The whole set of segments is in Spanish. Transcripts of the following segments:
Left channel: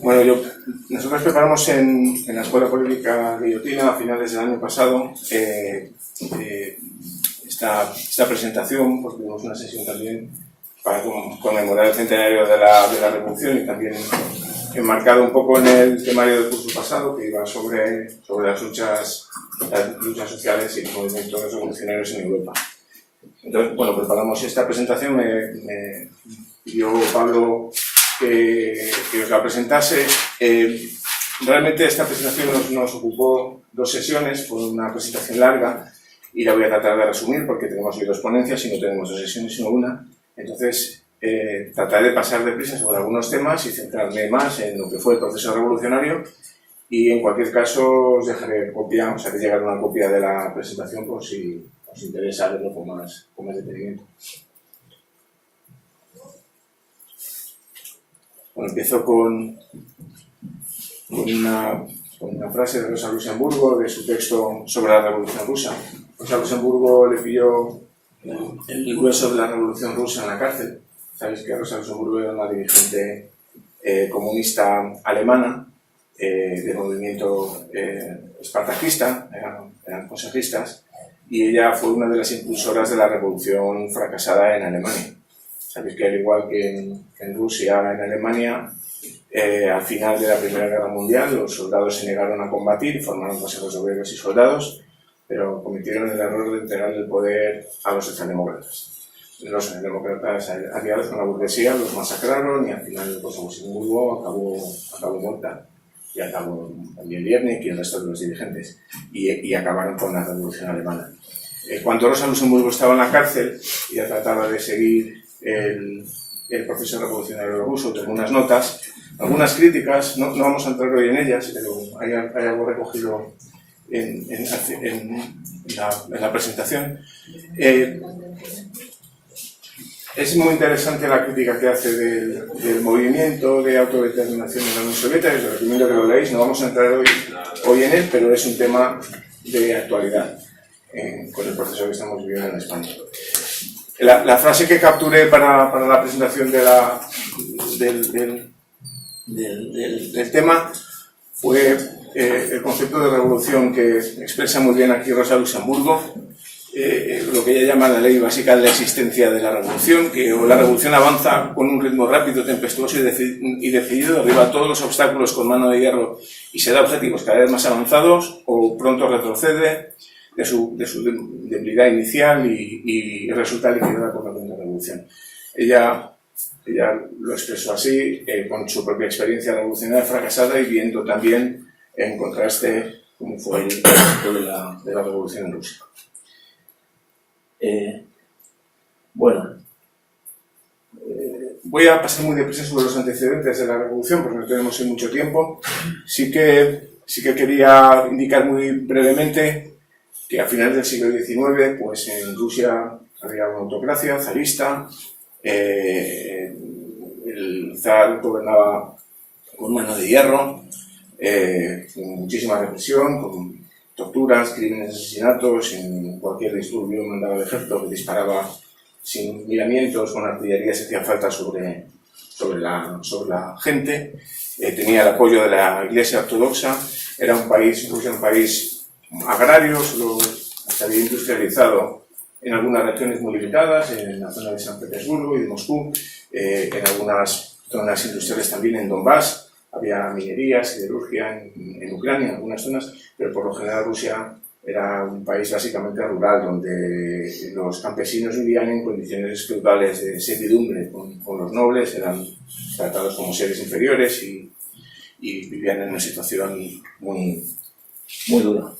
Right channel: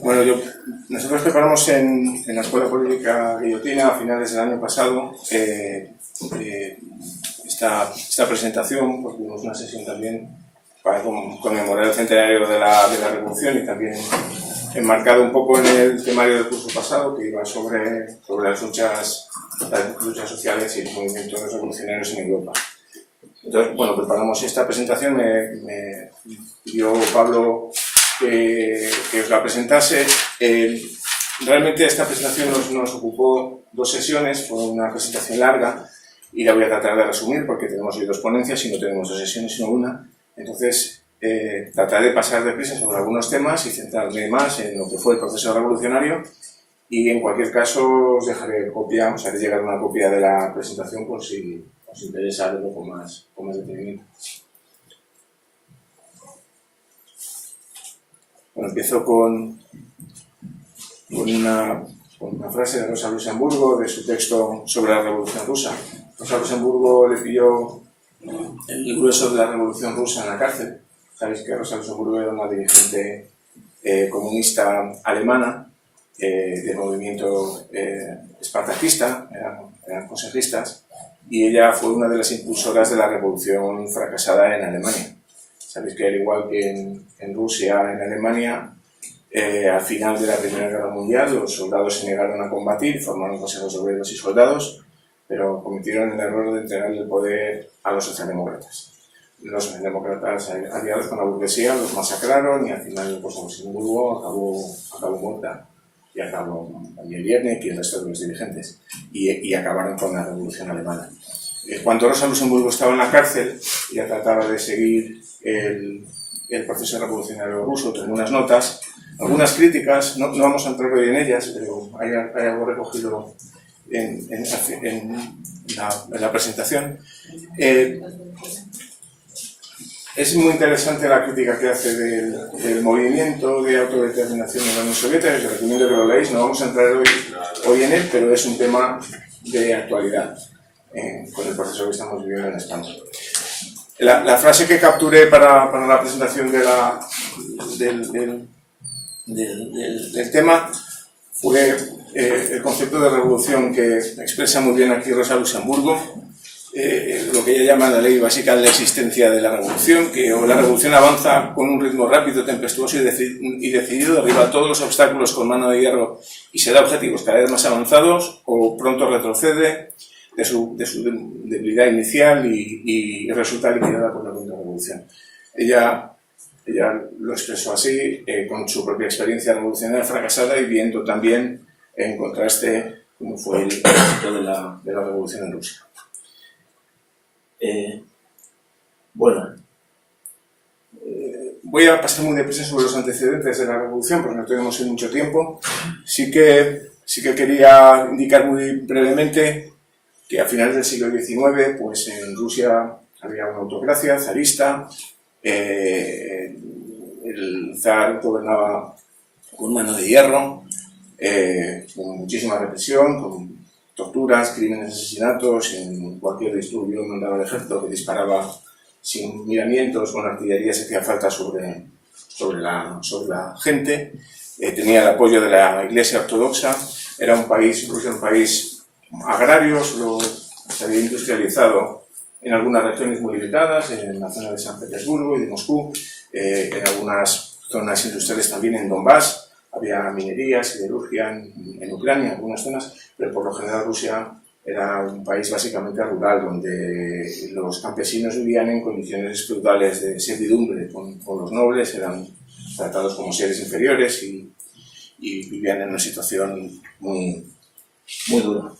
Bueno, nosotros preparamos en la Escuela Política Guillotina a finales del año pasado esta presentación, porque tuvimos una sesión también para conmemorar el centenario de la Revolución y también enmarcado un poco en el temario del curso pasado, que iba sobre las luchas sociales y los movimientos revolucionarios en Europa. Entonces, bueno, preparamos esta presentación, me pidió Pablo que os la presentase. Realmente esta presentación nos ocupó 2 sesiones, fue una presentación larga y la voy a tratar de resumir porque tenemos hoy 2 ponencias y no tenemos 2 sesiones sino una. Entonces, trataré de pasar deprisa sobre algunos temas y centrarme más en lo que fue el proceso revolucionario y en cualquier caso os dejaré copia, os haré llegar una copia de la presentación por si os interesa verlo con más detenimiento. Bueno, empiezo con una frase de Rosa Luxemburgo de su texto sobre la Revolución Rusa. Rosa Luxemburgo le pilló el grueso de la Revolución Rusa en la cárcel. Sabéis que Rosa Luxemburgo era una dirigente comunista alemana del movimiento espartacista, eran consejistas, y ella fue una de las impulsoras de la revolución fracasada en Alemania. Sabéis que al igual que en Rusia, en Alemania, al final de la Primera Guerra Mundial los soldados se negaron a combatir y formaron consejos de obreros y soldados, pero cometieron el error de entregar el poder a los socialdemócratas. Los socialdemócratas aliados con la burguesía los masacraron y al final Rosa Luxemburgo acabó muerta. Y acabó también Liebknecht y el resto de los dirigentes. Y acabaron con la revolución alemana. Cuando Rosa Luxemburgo estaba en la cárcel, ella trataba de seguir el proceso revolucionario ruso, tengo unas notas, algunas críticas, no vamos a entrar hoy en ellas, pero hay algo recogido en la presentación. Es muy interesante la crítica que hace del movimiento de autodeterminación de la Unión Soviética, os recomiendo que lo leáis, no vamos a entrar hoy en él, pero es un tema de actualidad con el proceso que estamos viviendo en España. La frase que capturé para la presentación del tema fue el concepto de revolución que expresa muy bien aquí Rosa Luxemburgo, lo que ella llama la ley básica de la existencia de la revolución, que la revolución avanza con un ritmo rápido, tempestuoso y decidido, derriba todos los obstáculos con mano de hierro y se da objetivos cada vez más avanzados, o pronto retrocede de su debilidad inicial y resulta liquidada por la contrarrevolución. Ella lo expresó así, con su propia experiencia revolucionaria fracasada y viendo también en contraste cómo fue el éxito de la revolución en Rusia. Voy a pasar muy deprisa sobre los antecedentes de la revolución, porque no tenemos mucho tiempo. Sí que quería indicar muy brevemente que a finales del siglo XIX, pues en Rusia había una autocracia zarista, el zar gobernaba con mano de hierro, con muchísima represión, con torturas, crímenes, asesinatos, en cualquier disturbio mandaba el ejército que disparaba sin miramientos, con artillería si hacía falta sobre la gente. Tenía el apoyo de la Iglesia Ortodoxa. Era un país agrario, solo se había industrializado en algunas regiones muy limitadas, en la zona de San Petersburgo y de Moscú, en algunas zonas industriales también en Donbass. Había minería, siderurgia en Ucrania, en algunas zonas, pero por lo general Rusia era un país básicamente rural, donde los campesinos vivían en condiciones feudales de servidumbre con los nobles, eran tratados como seres inferiores y vivían en una situación muy dura.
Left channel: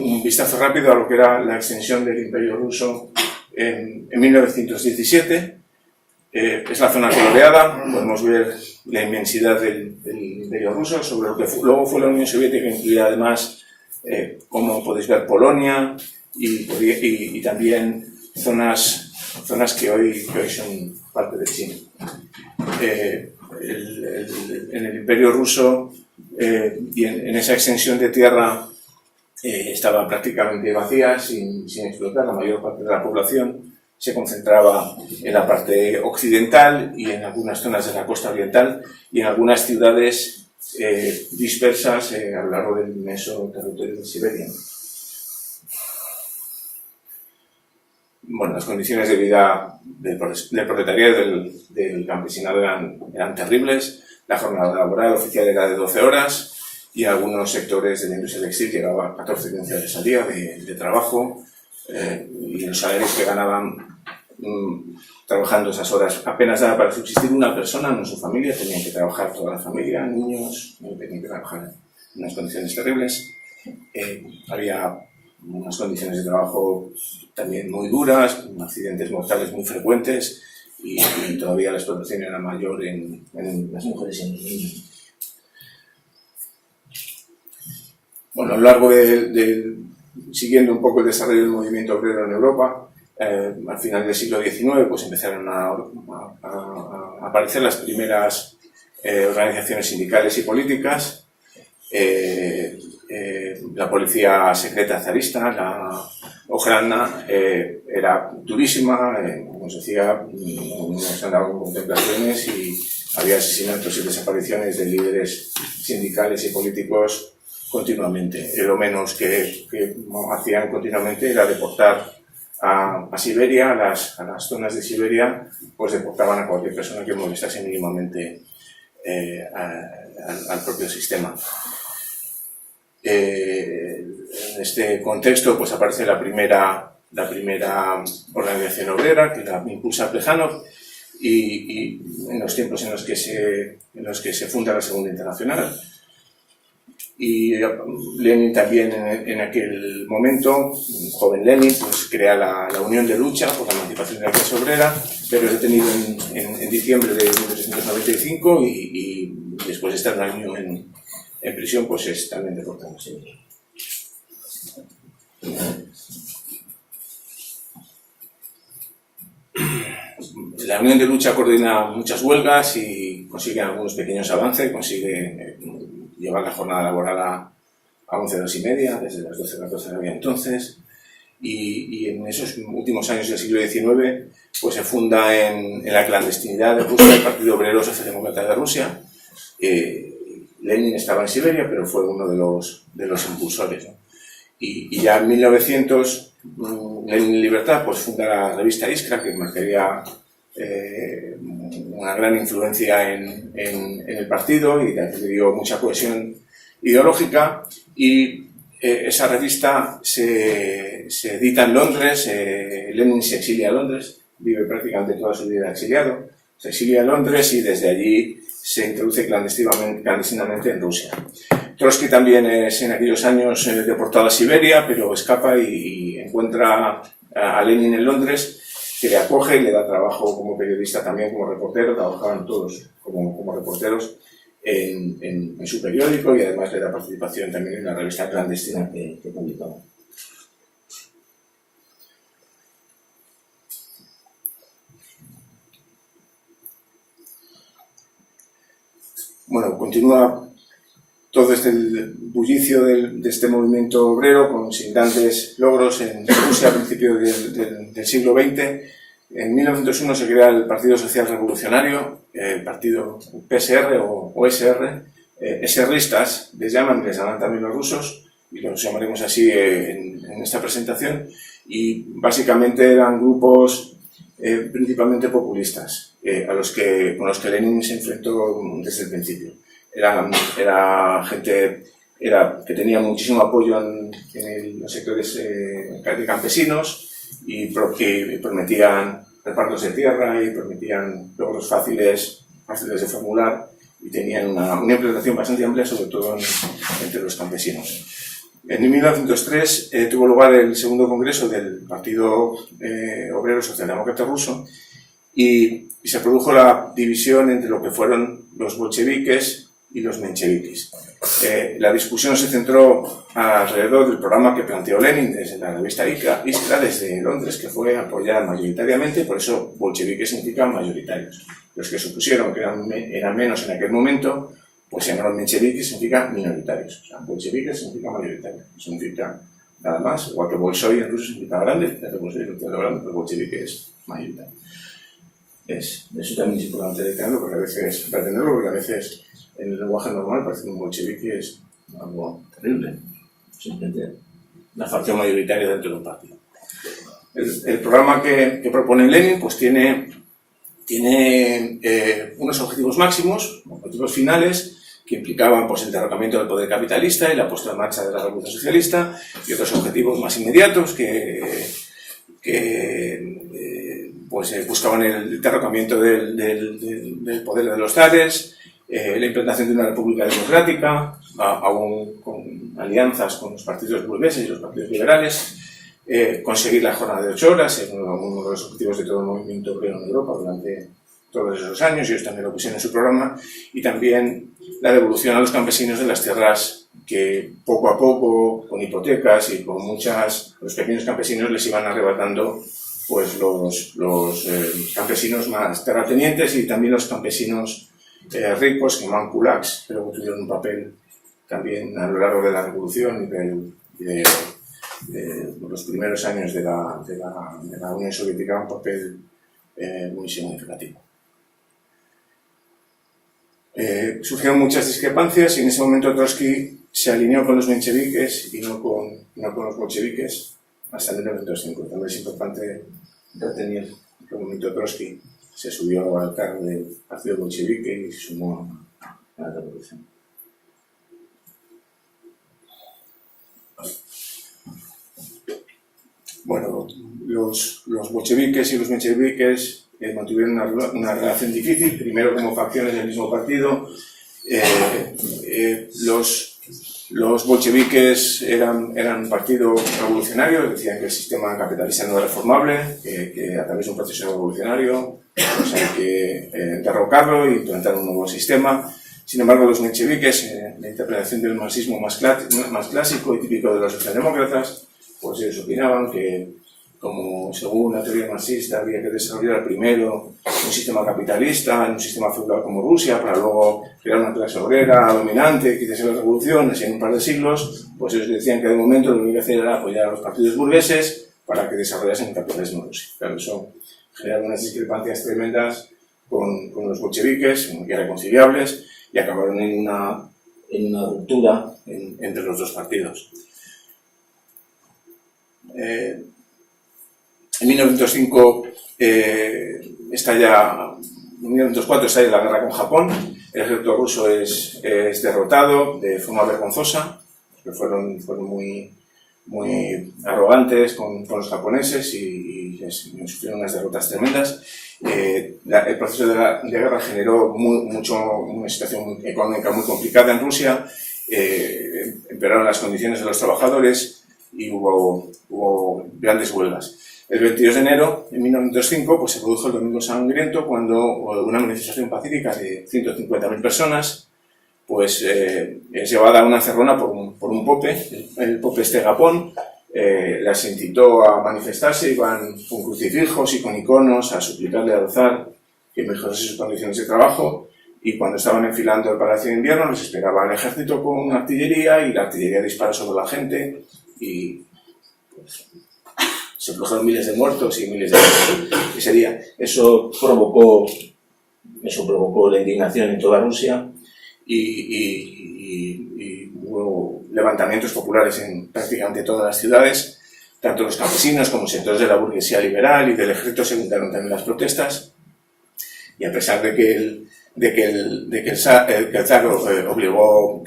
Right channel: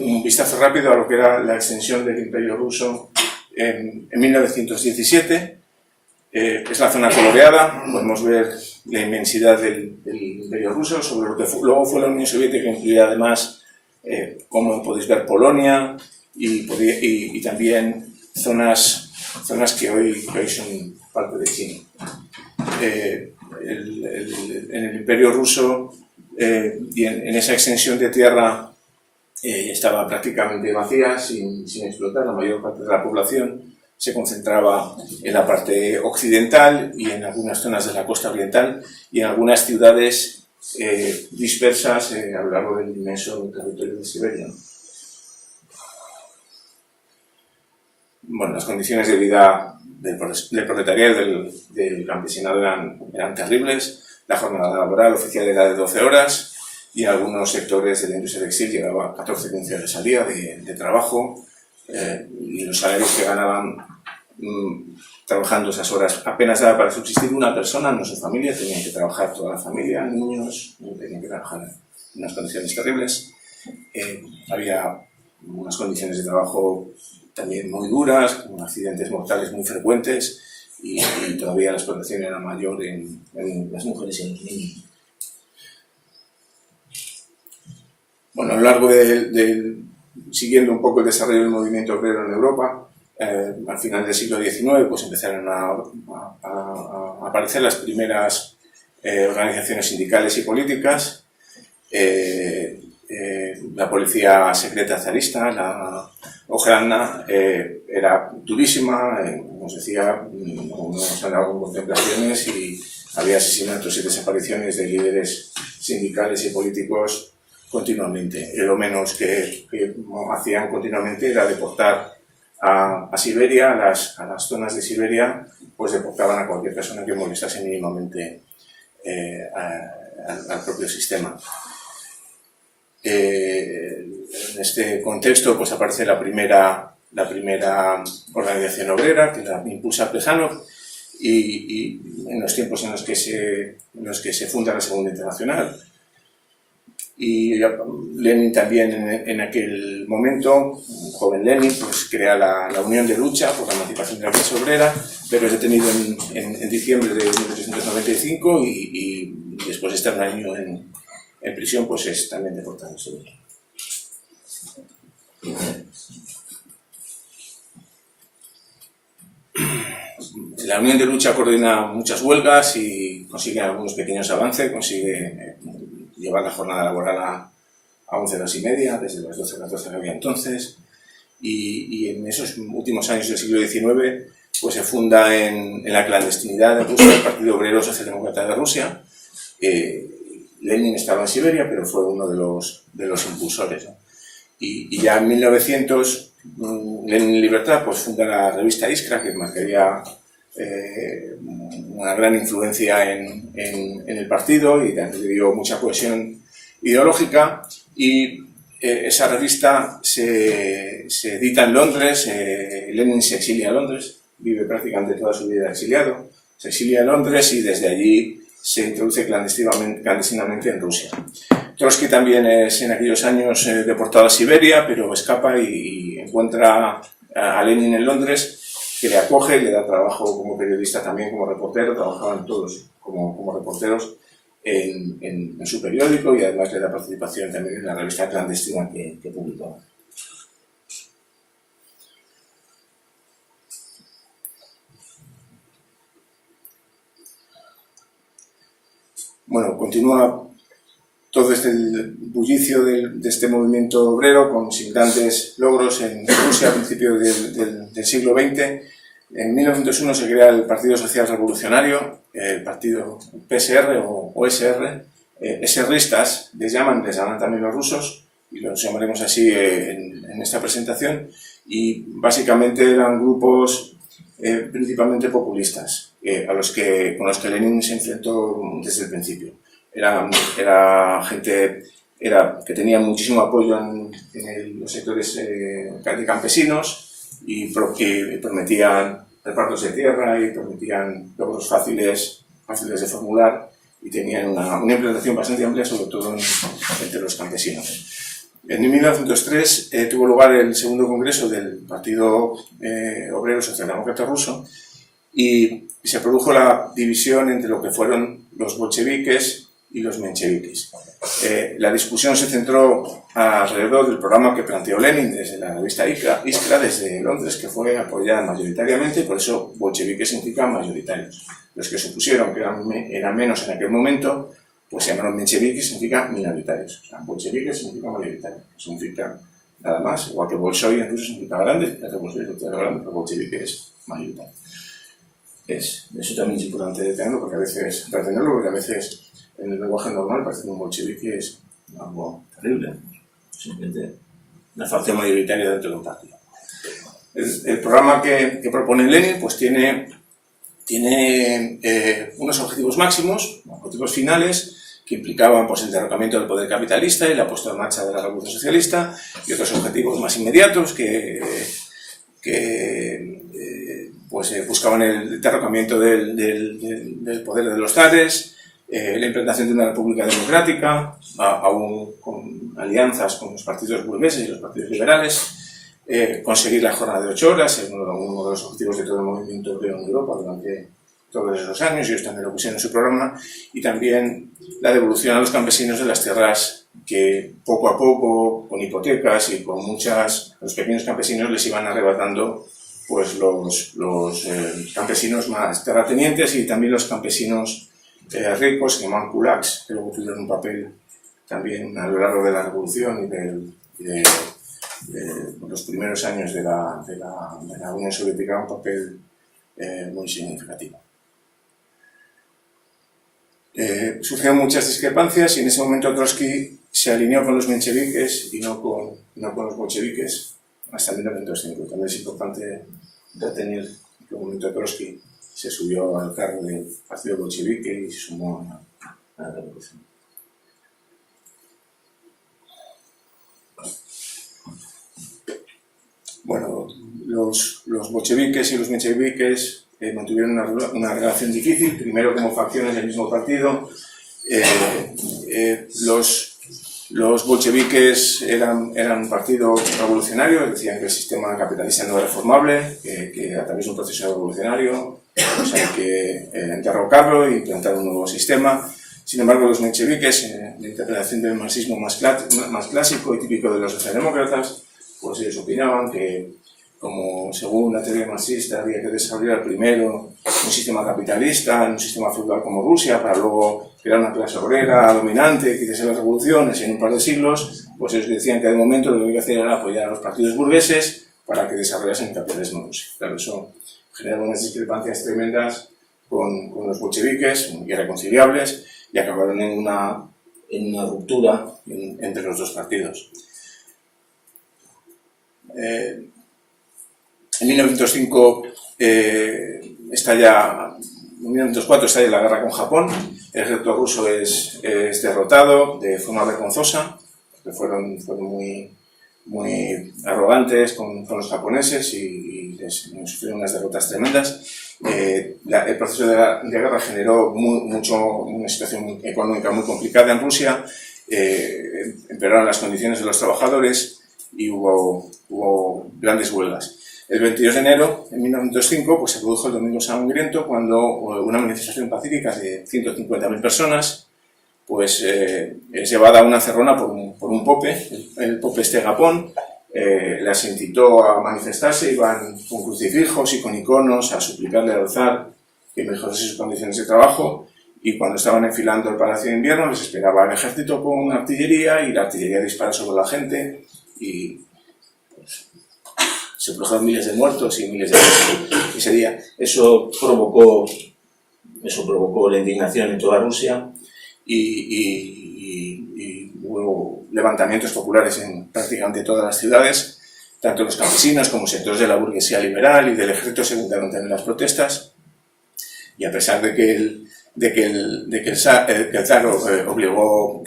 Un vistazo rápido a lo que era la extensión del Imperio Ruso en 1917. Es la zona coloreada, podemos ver la inmensidad del Imperio Ruso, sobre lo que luego fue la Unión Soviética, que incluía además, como podéis ver, Polonia y también zonas que hoy son parte de China. En el Imperio Ruso y en esa extensión de tierra estaba prácticamente vacía, sin explotar. La mayor parte de la población se concentraba en la parte occidental y en algunas zonas de la costa oriental y en algunas ciudades dispersas a lo largo del inmenso territorio de Siberia. Bueno, las condiciones de vida del proletariado del campesinado eran terribles. La jornada laboral oficial era de 12 horas y en algunos sectores de la industria textil llegaba a 14-15 horas al día de trabajo, y los salarios que ganaban trabajando esas horas apenas daba para subsistir una persona, no su familia. Tenían que trabajar toda la familia, niños, tenían que trabajar en unas condiciones terribles. Había unas condiciones de trabajo también muy duras, con accidentes mortales muy frecuentes, y todavía la explotación era mayor en las mujeres y en los niños. Bueno, a lo largo siguiendo un poco el desarrollo del movimiento obrero en Europa, al final del siglo XIX pues empezaron a aparecer las primeras organizaciones sindicales y políticas. La policía secreta zarista, la Ojrana, era durísima, como os decía, no se andaban con contemplaciones y había asesinatos y desapariciones de líderes sindicales y políticos continuamente. Lo menos que hacían continuamente era deportar a Siberia, a las zonas de Siberia, pues deportaban a cualquier persona que molestase mínimamente al propio sistema. En este contexto pues aparece la primera organización obrera, que la impulsa Plejánov, y en los tiempos en los que se funda la Segunda Internacional. Y Lenin también en aquel momento, un joven Lenin, pues crea la Unión de Lucha por la Emancipación de la Clase Obrera, pero es detenido en diciembre de 1995 y después de estar un año en prisión, pues es también deportado. Sí. La Unión de Lucha coordina muchas huelgas y consigue algunos pequeños avances, consigue llevar la jornada laboral a 11 horas y media, desde las 12 a las 12 que había entonces, y en esos últimos años del siglo XIX pues se funda en la clandestinidad de Rusia el Partido Obrero Socialdemócrata de Rusia. Lenin estaba en Siberia, pero fue uno de los impulsores, ¿no? Y ya en 1900, Lenin Libertad pues funda la revista Iskra, que marcaría una gran influencia en el partido y le dio mucha cohesión ideológica. Y esa revista se edita en Londres. Lenin se exilia a Londres, vive prácticamente toda su vida exiliado, se exilia a Londres y desde allí se introduce clandestinamente en Rusia. Trotsky también es en aquellos años deportado a Siberia, pero escapa y encuentra a Lenin en Londres, que le acoge y le da trabajo como periodista, también como reportero. Trabajaban todos como reporteros en su periódico, y además le da participación también en la revista clandestina que publicaba. Bueno, continúa todo este bullicio de este movimiento obrero con sin grandes logros en Rusia a principios del siglo XX. En 1901 se crea el Partido Social Revolucionario, el partido PSR o OSR. SRistas les llaman también los rusos, y los llamaremos así en esta presentación, y básicamente eran grupos principalmente populistas, con los que Lenin se enfrentó desde el principio. Era gente que tenía muchísimo apoyo en los sectores de campesinos, y que prometían repartos de tierra y prometían logros fáciles de formular, y tenían una implantación bastante amplia, sobre todo entre los campesinos. En 1903 tuvo lugar el segundo congreso del Partido Obrero Socialdemócrata Ruso, y se produjo la división entre lo que fueron los bolcheviques y los mencheviques. La discusión se centró alrededor del programa que planteó Lenin desde la revista Iskra desde Londres, que fue apoyada mayoritariamente, por eso bolcheviques significan mayoritarios. Los que se opusieron, que eran menos en aquel momento, pues se llamaron mencheviques, significa minoritarios. O sea, bolcheviques significa mayoritario, no significa nada más. Igual que bolshoi en ruso significa grande, el bolchevique es mayoritario. Eso también es importante tenerlo, porque a veces, en el lenguaje normal parece que un bolchevique es algo terrible, simplemente una facción mayoritaria dentro de un partido. El programa que propone Lenin pues tiene unos objetivos máximos, objetivos finales, que implicaban pues, el derrocamiento del poder capitalista y la puesta en marcha de la revolución socialista, y otros objetivos más inmediatos que buscaban el derrocamiento del poder de los zares, la implantación de una república democrática, aún con alianzas con los partidos burgueses y los partidos liberales, conseguir la jornada de 8 horas, es uno de los objetivos de todo el movimiento obrero en Europa durante todos esos años, ellos también lo pusieron en su programa, y también la devolución a los campesinos de las tierras que poco a poco, con hipotecas y con los pequeños campesinos les iban arrebatando pues los campesinos más terratenientes y también los campesinos ricos, que llamaban kulaks, que luego tuvieron un papel también a lo largo de la revolución y de los primeros años de la Unión Soviética, un papel muy significativo. Surgieron muchas discrepancias y en ese momento Trotsky se alineó con los mencheviques y no con los bolcheviques hasta 1905. También es importante retener que en el momento Trotsky se subió al cargo del partido bolchevique y se sumó a la revolución. Bueno, los bolcheviques y los mencheviques mantuvieron una relación difícil, primero como facciones del mismo partido. Los bolcheviques eran un partido revolucionario, decían que el sistema capitalista no era reformable, que a través de un proceso revolucionario pues hay que derrocarlo e implantar un nuevo sistema. Sin embargo, los mencheviques, la interpretación del marxismo más clásico y típico de los socialdemócratas, pues ellos opinaban que, como según la teoría marxista, había que desarrollar primero un sistema capitalista, un sistema feudal como Rusia, para luego crear una clase obrera dominante que hiciese las revoluciones y en un par de siglos, pues ellos decían que de momento lo que había que hacer era apoyar a los partidos burgueses para que desarrollasen el capitalismo en Rusia. Claro, eso generaba unas discrepancias tremendas con los bolcheviques, irreconciliables, y acabaron en una ruptura entre los dos partidos. En 1905 en 1904 estalla la guerra con Japón, el ejército ruso es derrotado de forma vergonzosa, porque fueron muy arrogantes con los japoneses y sufrieron unas derrotas tremendas. El proceso de guerra generó una situación económica muy complicada en Rusia, empeoraron las condiciones de los trabajadores y hubo grandes huelgas. El 22 de enero de 1905 pues, se produjo el Domingo Sangriento, cuando una manifestación pacífica de 150.000 personas pues, es llevada a una encerrona por un pope, el pope Japón. Las incitó a manifestarse, iban con crucifijos y con iconos a suplicarle al zar que mejorase sus condiciones de trabajo, y cuando estaban enfilando el Palacio de Invierno les esperaba el ejército con artillería y la artillería disparó sobre la gente y pues, se produjeron miles de muertos y miles de muertos ese día. Eso provocó la indignación en toda Rusia y hubo levantamientos populares en prácticamente todas las ciudades. Tanto los campesinos como sectores de la burguesía liberal y del ejército se juntaron también las protestas, y a pesar de que el zar obligó,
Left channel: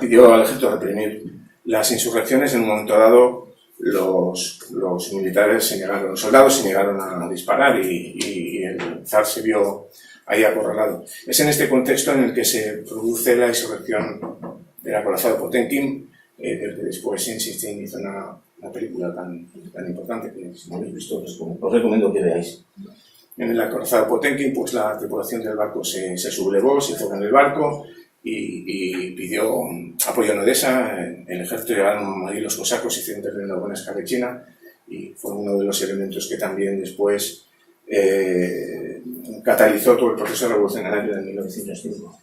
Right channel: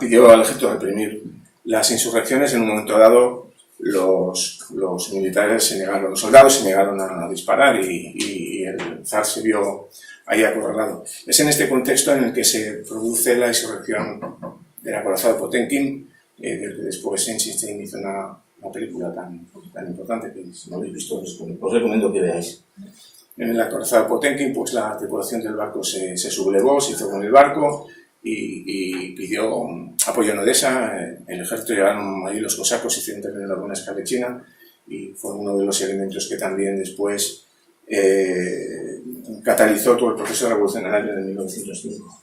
pidió al ejército reprimir las insurrecciones, en un momento dado los militares se negaron, los soldados se negaron a disparar y el zar se vio ahí acorralado. Es en este contexto en el que se produce la insurrección del acorazado Potemkin, del que después Einstein hizo una película tan importante que, si no habéis visto, os recomiendo que veáis. En el acorazado Potemkin, pues la tripulación del barco se sublevó, se hizo con el barco y pidió apoyo en Odessa. El ejército llegaron allí los cosacos, hicieron intervenir una buena escabechina y fue uno de los elementos que también después catalizó todo el proceso revolucionario de 1905.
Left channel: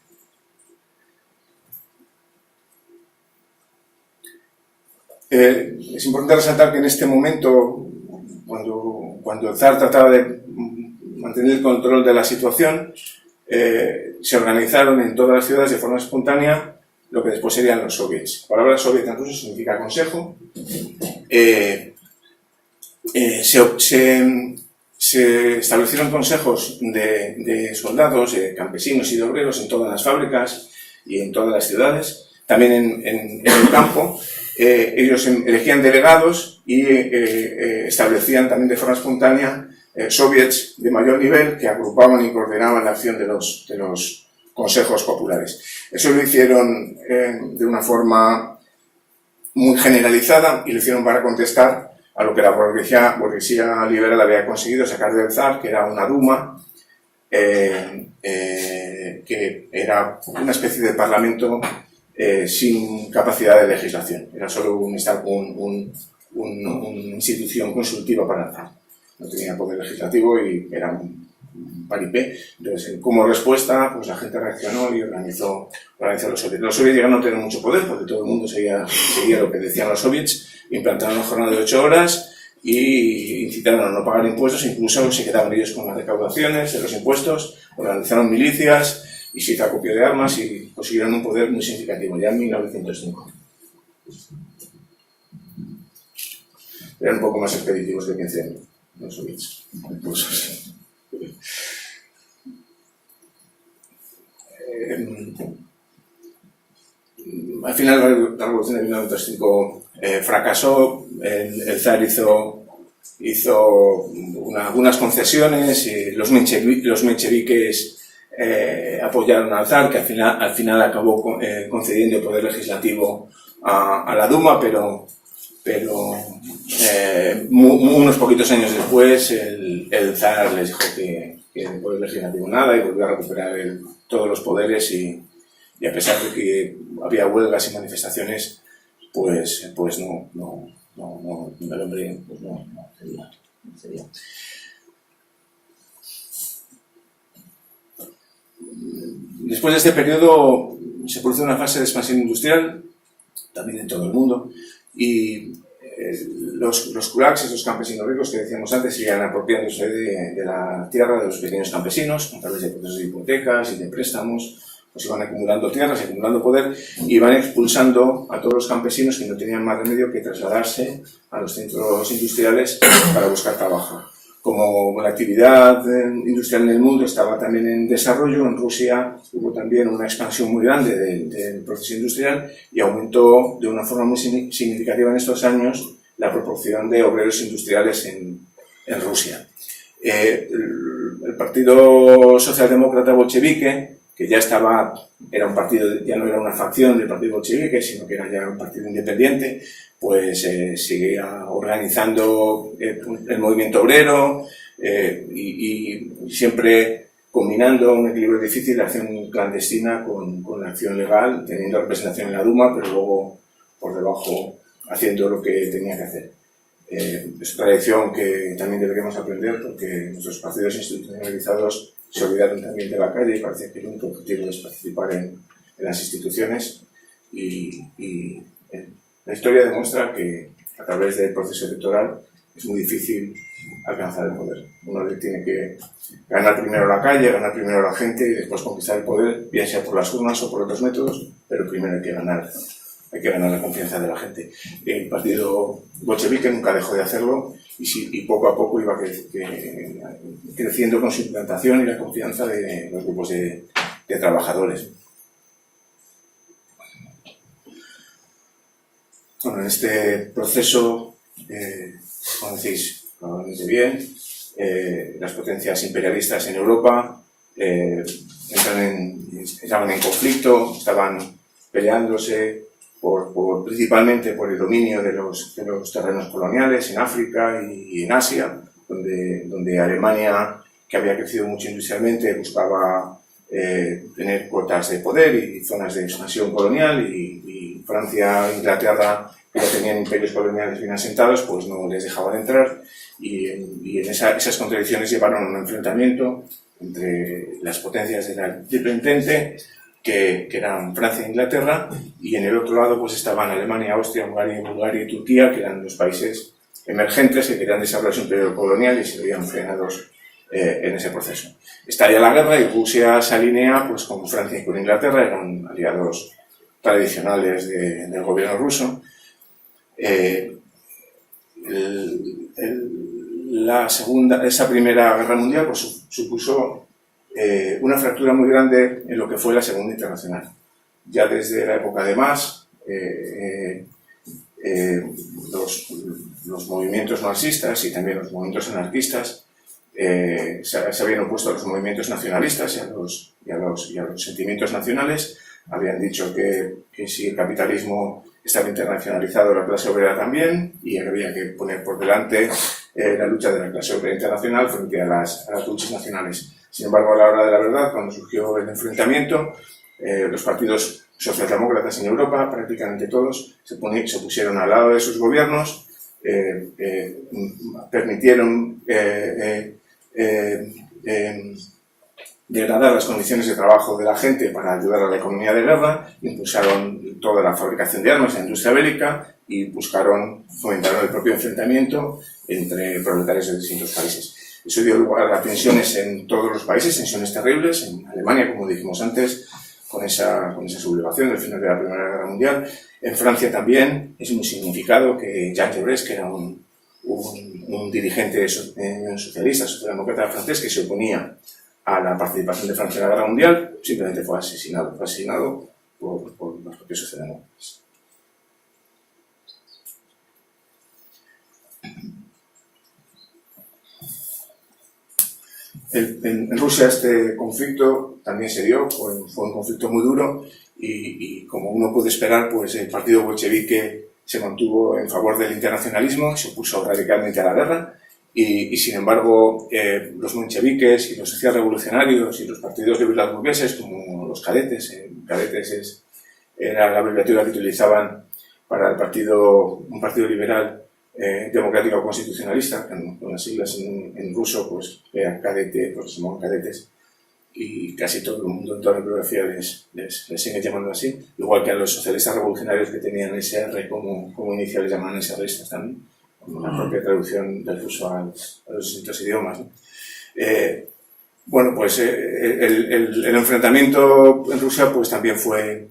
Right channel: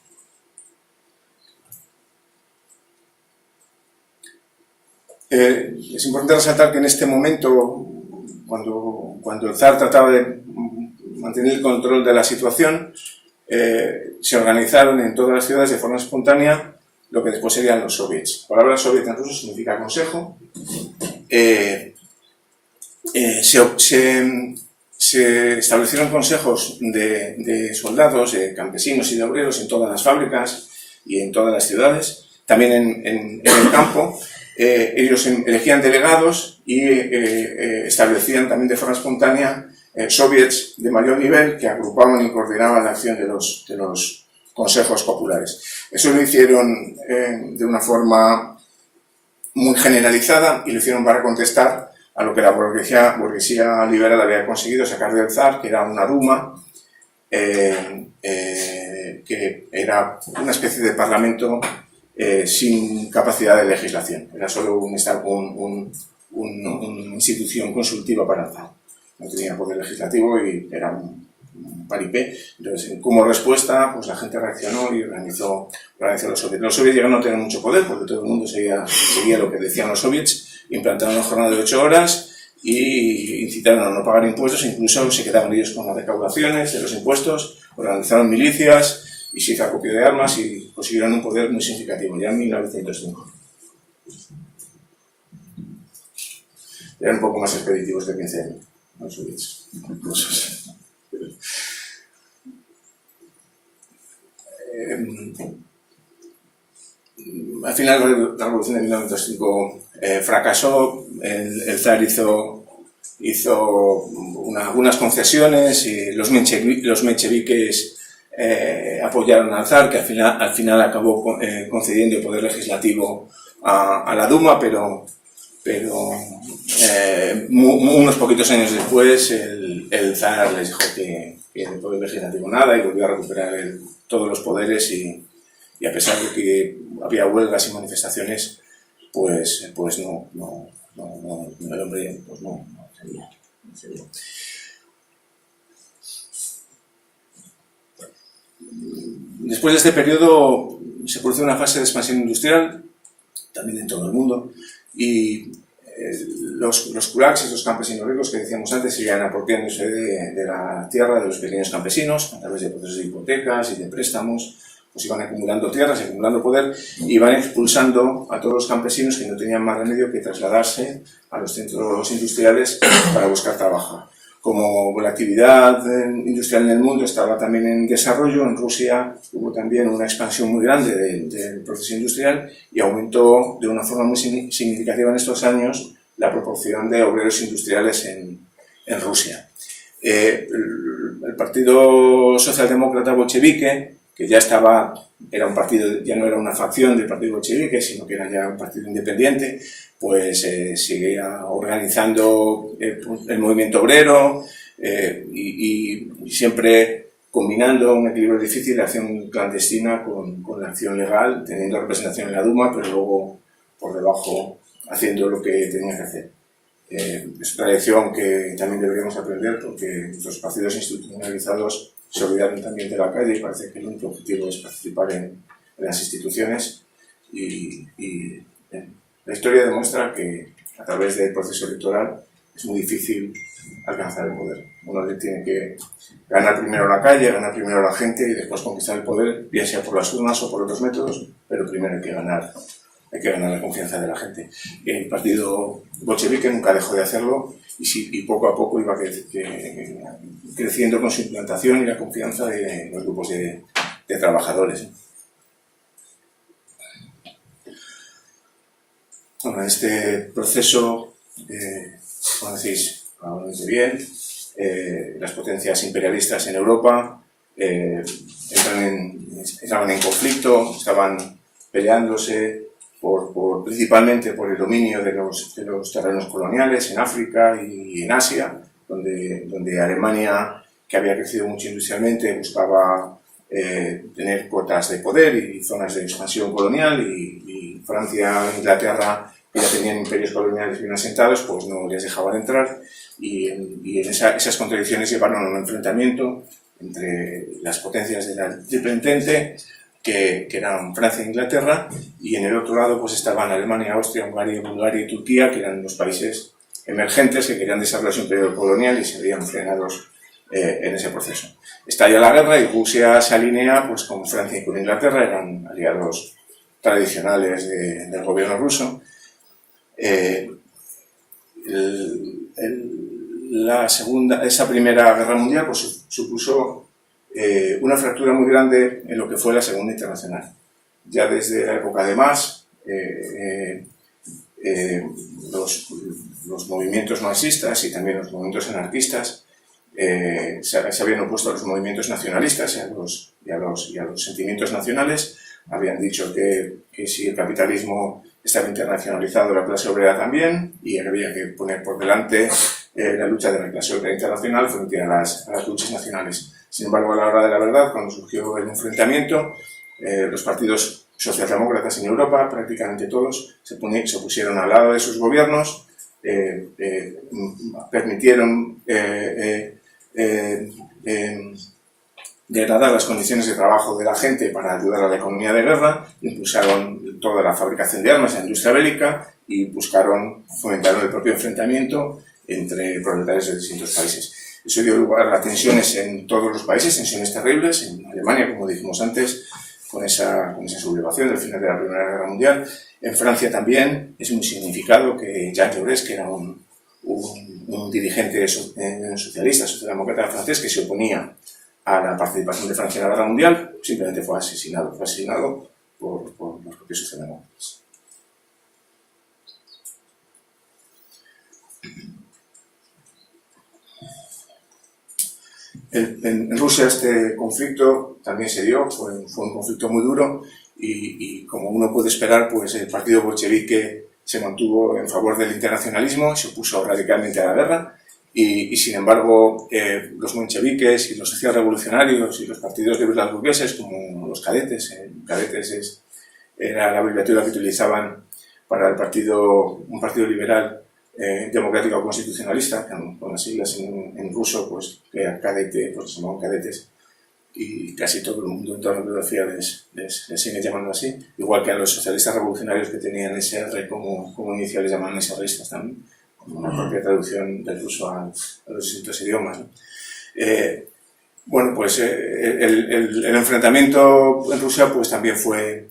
Es importante resaltar que en este momento cuando el zar trataba de mantener el control de la situación, se organizaron en todas las ciudades de forma espontánea lo que después serían los soviets. La palabra soviet en ruso significa consejo. Se establecieron consejos de soldados, de campesinos y de obreros en todas las fábricas y en todas las ciudades, también en el campo. Ellos elegían delegados y establecían también de forma espontánea soviets de mayor nivel que agrupaban y coordinaban la acción de los consejos populares. Eso lo hicieron de una forma muy generalizada y lo hicieron para contestar a lo que la burguesía liberal había conseguido sacar del zar, que era una duma, que era una especie de parlamento sin capacidad de legislación. Era solo una institución consultiva para el zar. No tenía poder legislativo y era un paripé. Entonces, como respuesta, pues la gente reaccionó y organizó los soviets. Los soviets llegaron a tener mucho poder porque todo el mundo seguía lo que decían los soviets, implantaron una jornada de 8 horas y incitaron a no pagar impuestos, incluso se quedaron ellos con las recaudaciones de los impuestos, organizaron milicias y se hizo acopio de armas y consiguieron un poder muy significativo, ya en 1905. Eran un poco más expeditivos de 15 años, los soviets. Al final la revolución de 1905 fracasó, el zar hizo algunas concesiones y los mencheviques apoyaron al zar, que al final acabó concediendo el poder legislativo a la Duma, pero unos poquitos años después el zar les dijo que el poder legislativo nada y volvió a recuperar todos los poderes y a pesar de que había huelgas y manifestaciones, pues el hombre pues no sería. Después de este periodo se produce una fase de expansión industrial, también en todo el mundo, y los kulaks, estos campesinos ricos que decíamos antes, seguían apropiándose de la tierra de los pequeños campesinos a través de procesos de hipotecas y de préstamos. Pues iban acumulando tierras, acumulando poder y iban expulsando a todos los campesinos que no tenían más remedio que trasladarse a los centros industriales para buscar trabajo. Como la actividad industrial en el mundo estaba también en desarrollo, en Rusia hubo también una expansión muy grande del proceso industrial y aumentó de una forma muy significativa en estos años la proporción de obreros industriales en Rusia. El Partido Socialdemócrata Bolchevique, que era un partido, ya no era una facción del partido bolchevique, sino que era ya un partido independiente, pues seguía organizando el movimiento obrero y siempre combinando un equilibrio difícil de acción clandestina con la acción legal, teniendo representación en la Duma, pero luego por debajo haciendo lo que tenía que hacer. Es otra lección que también deberíamos aprender porque nuestros partidos institucionalizados se olvidaron también de la calle y parece que el único objetivo es participar en las instituciones y la historia demuestra que a través del proceso electoral es muy difícil alcanzar el poder. Uno tiene que ganar primero la calle, ganar primero la gente y después conquistar el poder, bien sea por las urnas o por otros métodos, pero primero hay que ganar la confianza de la gente. Y el partido bolchevique nunca dejó de hacerlo y poco a poco iba creciendo con su implantación y la confianza de los grupos de trabajadores. Bueno, en este proceso, como decís, probablemente bien, las potencias imperialistas en Europa estaban en conflicto, estaban peleándose principalmente por el dominio de los terrenos coloniales en África y en Asia, donde Alemania, que había crecido mucho industrialmente, buscaba tener cuotas de poder y zonas de expansión colonial, y Francia e Inglaterra, que ya tenían imperios coloniales bien asentados, pues no les dejaban entrar, y esas contradicciones llevaron a un enfrentamiento entre las potencias de la Triple Entente, que eran Francia e Inglaterra, y en el otro lado pues estaban Alemania, Austria, Hungría, Bulgaria y Turquía, que eran los países emergentes que querían desarrollar su imperio colonial y se veían frenados en ese proceso. Estalla la guerra y Rusia se alinea pues, con Francia y con Inglaterra, eran aliados tradicionales del gobierno ruso. Esa primera guerra mundial pues, supuso una fractura muy grande en lo que fue la Segunda Internacional. Ya desde la época de Marx, los movimientos marxistas y también los movimientos anarquistas se habían opuesto a los movimientos nacionalistas y a los sentimientos nacionales. Habían dicho que si el capitalismo estaba internacionalizado, la clase obrera también, y había que poner por delante la lucha de la clase obrera internacional frente a las luchas nacionales. Sin embargo, a la hora de la verdad, cuando surgió el enfrentamiento, los partidos socialdemócratas en Europa, prácticamente todos, se pusieron al lado de sus gobiernos, permitieron degradar las condiciones de trabajo de la gente para ayudar a la economía de guerra, impulsaron toda la fabricación de armas, la industria bélica, y fomentaron el propio enfrentamiento entre proletarios de distintos países. Eso dio lugar a tensiones en todos los países, tensiones terribles, en Alemania, como dijimos antes, con esa sublevación del final de la Primera Guerra Mundial. En Francia también es muy significado que Jean Jaurès, que era un dirigente socialista, socialdemócrata francés, que se oponía a la participación de Francia en la Guerra Mundial, simplemente fue asesinado por los propios socialdemócratas. En Rusia este conflicto también se dio, fue un conflicto muy duro y como uno puede esperar, pues el partido bolchevique se mantuvo en favor del internacionalismo, se opuso radicalmente a la guerra y sin embargo los mencheviques y los socialrevolucionarios y los partidos liberal burgueses como los cadetes, era la abreviatura que utilizaban para un partido liberal democrático constitucionalista, con las siglas en ruso, pues que eran cadete, pues se llamaban cadetes, y casi todo el mundo en toda la bibliografía les sigue llamando así, igual que a los socialistas revolucionarios que tenían SR como inicial les llamaban SRistas también, como una propia traducción del ruso a los distintos idiomas, ¿no? Bueno, pues el enfrentamiento en Rusia pues también fue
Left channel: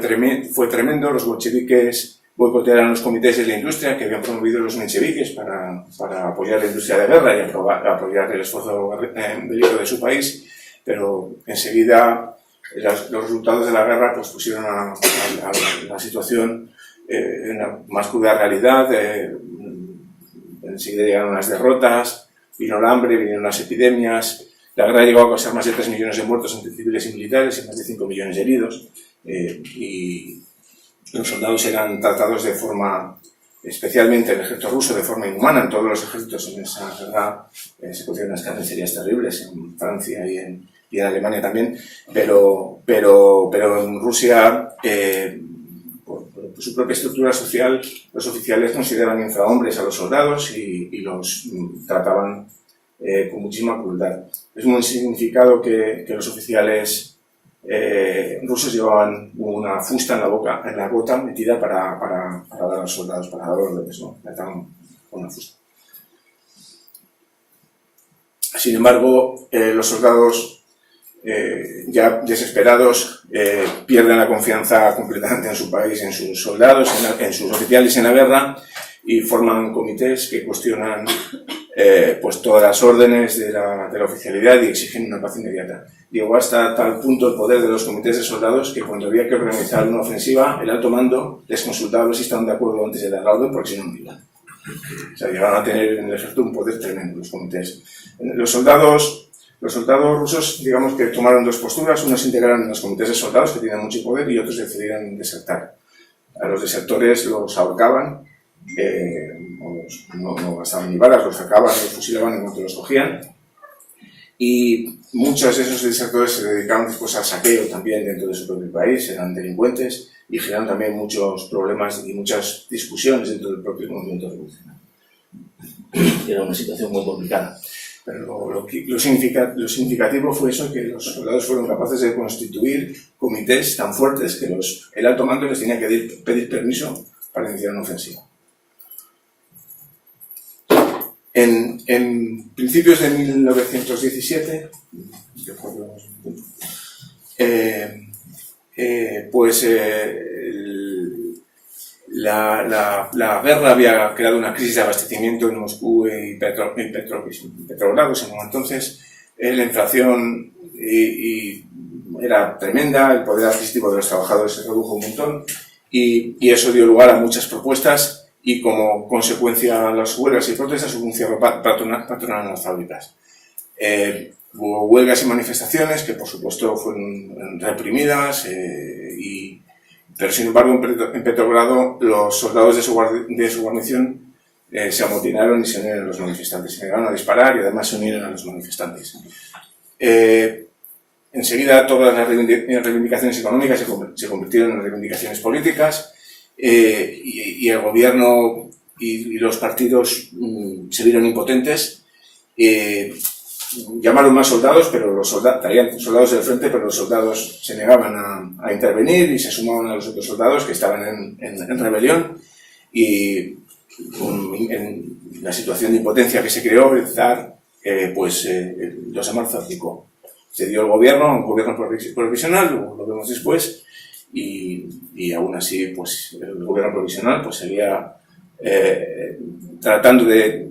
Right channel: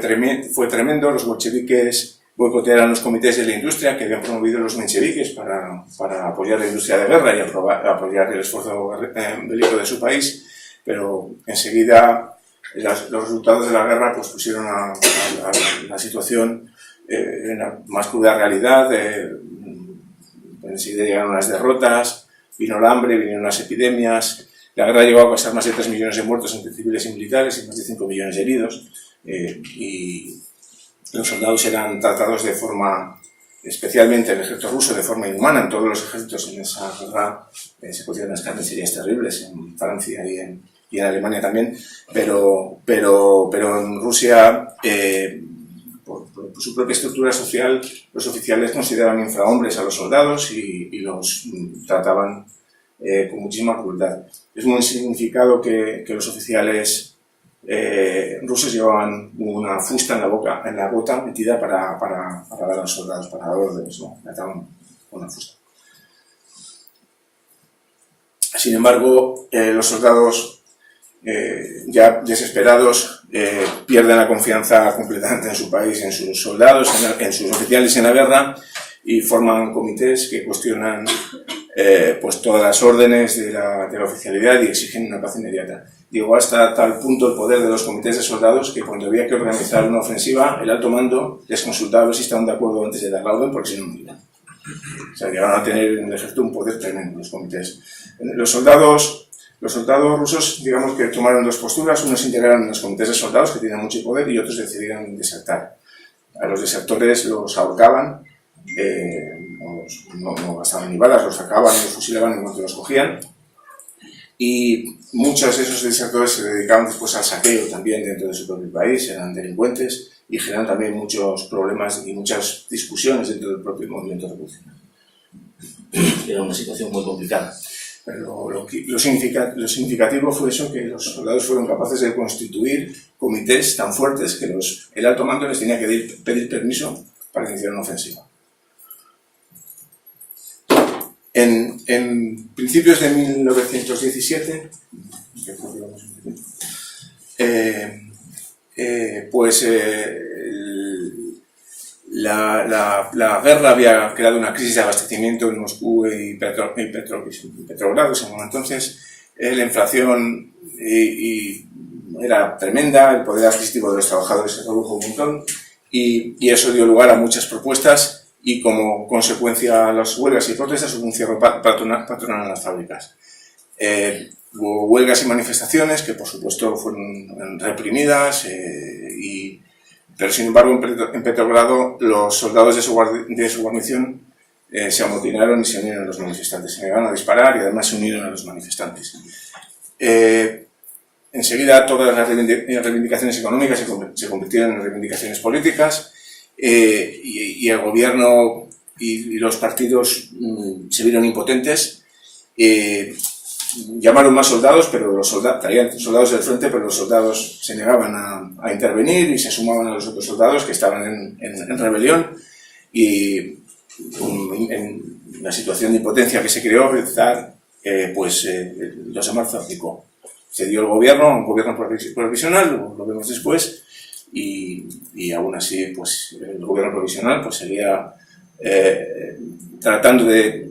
tremendo. Los bolcheviques boicotearon los comités de la industria que habían promovido los mencheviques para apoyar la industria de guerra y apoyar el esfuerzo bélico de su país, pero enseguida los resultados de la guerra pues pusieron a la situación en la más cruda realidad. Enseguida llegaron las derrotas, vino el hambre, vinieron las epidemias, la guerra llegó a causar más de 3 millones de muertos entre civiles y militares y más de 5 millones de heridos, y los soldados eran tratados de forma, especialmente el ejército ruso, de forma inhumana. En todos los ejércitos en esa guerra se cometían unas carnicerías terribles, en Francia y en Alemania también, pero en Rusia, por su propia estructura social, los oficiales consideraban infrahombres a los soldados y los trataban con muchísima crueldad. Es muy significado que los oficiales rusos llevaban una fusta en la bota metida para dar a los soldados, para dar órdenes, ¿no? Mataban con una fusta. Sin embargo, los soldados ya desesperados pierden la confianza completamente en su país, en sus soldados, en sus oficiales en la guerra, y forman comités que cuestionan pues todas las órdenes de la oficialidad y exigen una paz inmediata. Llegó hasta tal punto el poder de los comités de soldados que cuando había que organizar una ofensiva, el alto mando les consultaba a ver si estaban de acuerdo antes de dar la orden, porque si no, no iban. O sea, llegaron a tener en el ejército un poder tremendo los comités. Los soldados rusos, digamos que tomaron dos posturas. Unos se integraron en los comités de soldados, que tienen mucho poder, y otros decidieron desertar. A los desertores los ahorcaban, no gastaban ni balas, los sacaban, los fusilaban en cuanto los cogían. Y muchos de esos desertores se dedicaban después al saqueo también dentro de su propio país, eran delincuentes y generaron también muchos problemas y muchas discusiones dentro del propio movimiento revolucionario. Era una situación muy complicada. Pero lo significativo fue eso, que los soldados fueron capaces de constituir comités tan fuertes que el alto mando les tenía que pedir permiso para iniciar una ofensiva. En principios de 1917, la guerra había creado una crisis de abastecimiento en Moscú y Petrogrado, en ese entonces. La inflación era tremenda, el poder adquisitivo de los trabajadores se redujo un montón y eso dio lugar a muchas propuestas y como consecuencia a las huelgas y protestas hubo un cierre patronal en las fábricas. Hubo huelgas y manifestaciones que por supuesto fueron reprimidas, pero sin embargo en Petrogrado los soldados de su guarnición se amotinaron y se unieron a los manifestantes. Se negaron a disparar y además se unieron a los manifestantes. Enseguida todas las reivindicaciones económicas se convirtieron en reivindicaciones políticas y el gobierno y los partidos se vieron impotentes. Llamaron más soldados, pero traían soldados del frente, pero los soldados se negaban a intervenir y se sumaban a los otros soldados que estaban en rebelión y en la situación de impotencia que se creó, el zar, el 2 de marzo abdicó. Cedió el gobierno, un gobierno provisional, lo vemos después, y aún así pues, el gobierno provisional pues, seguía tratando de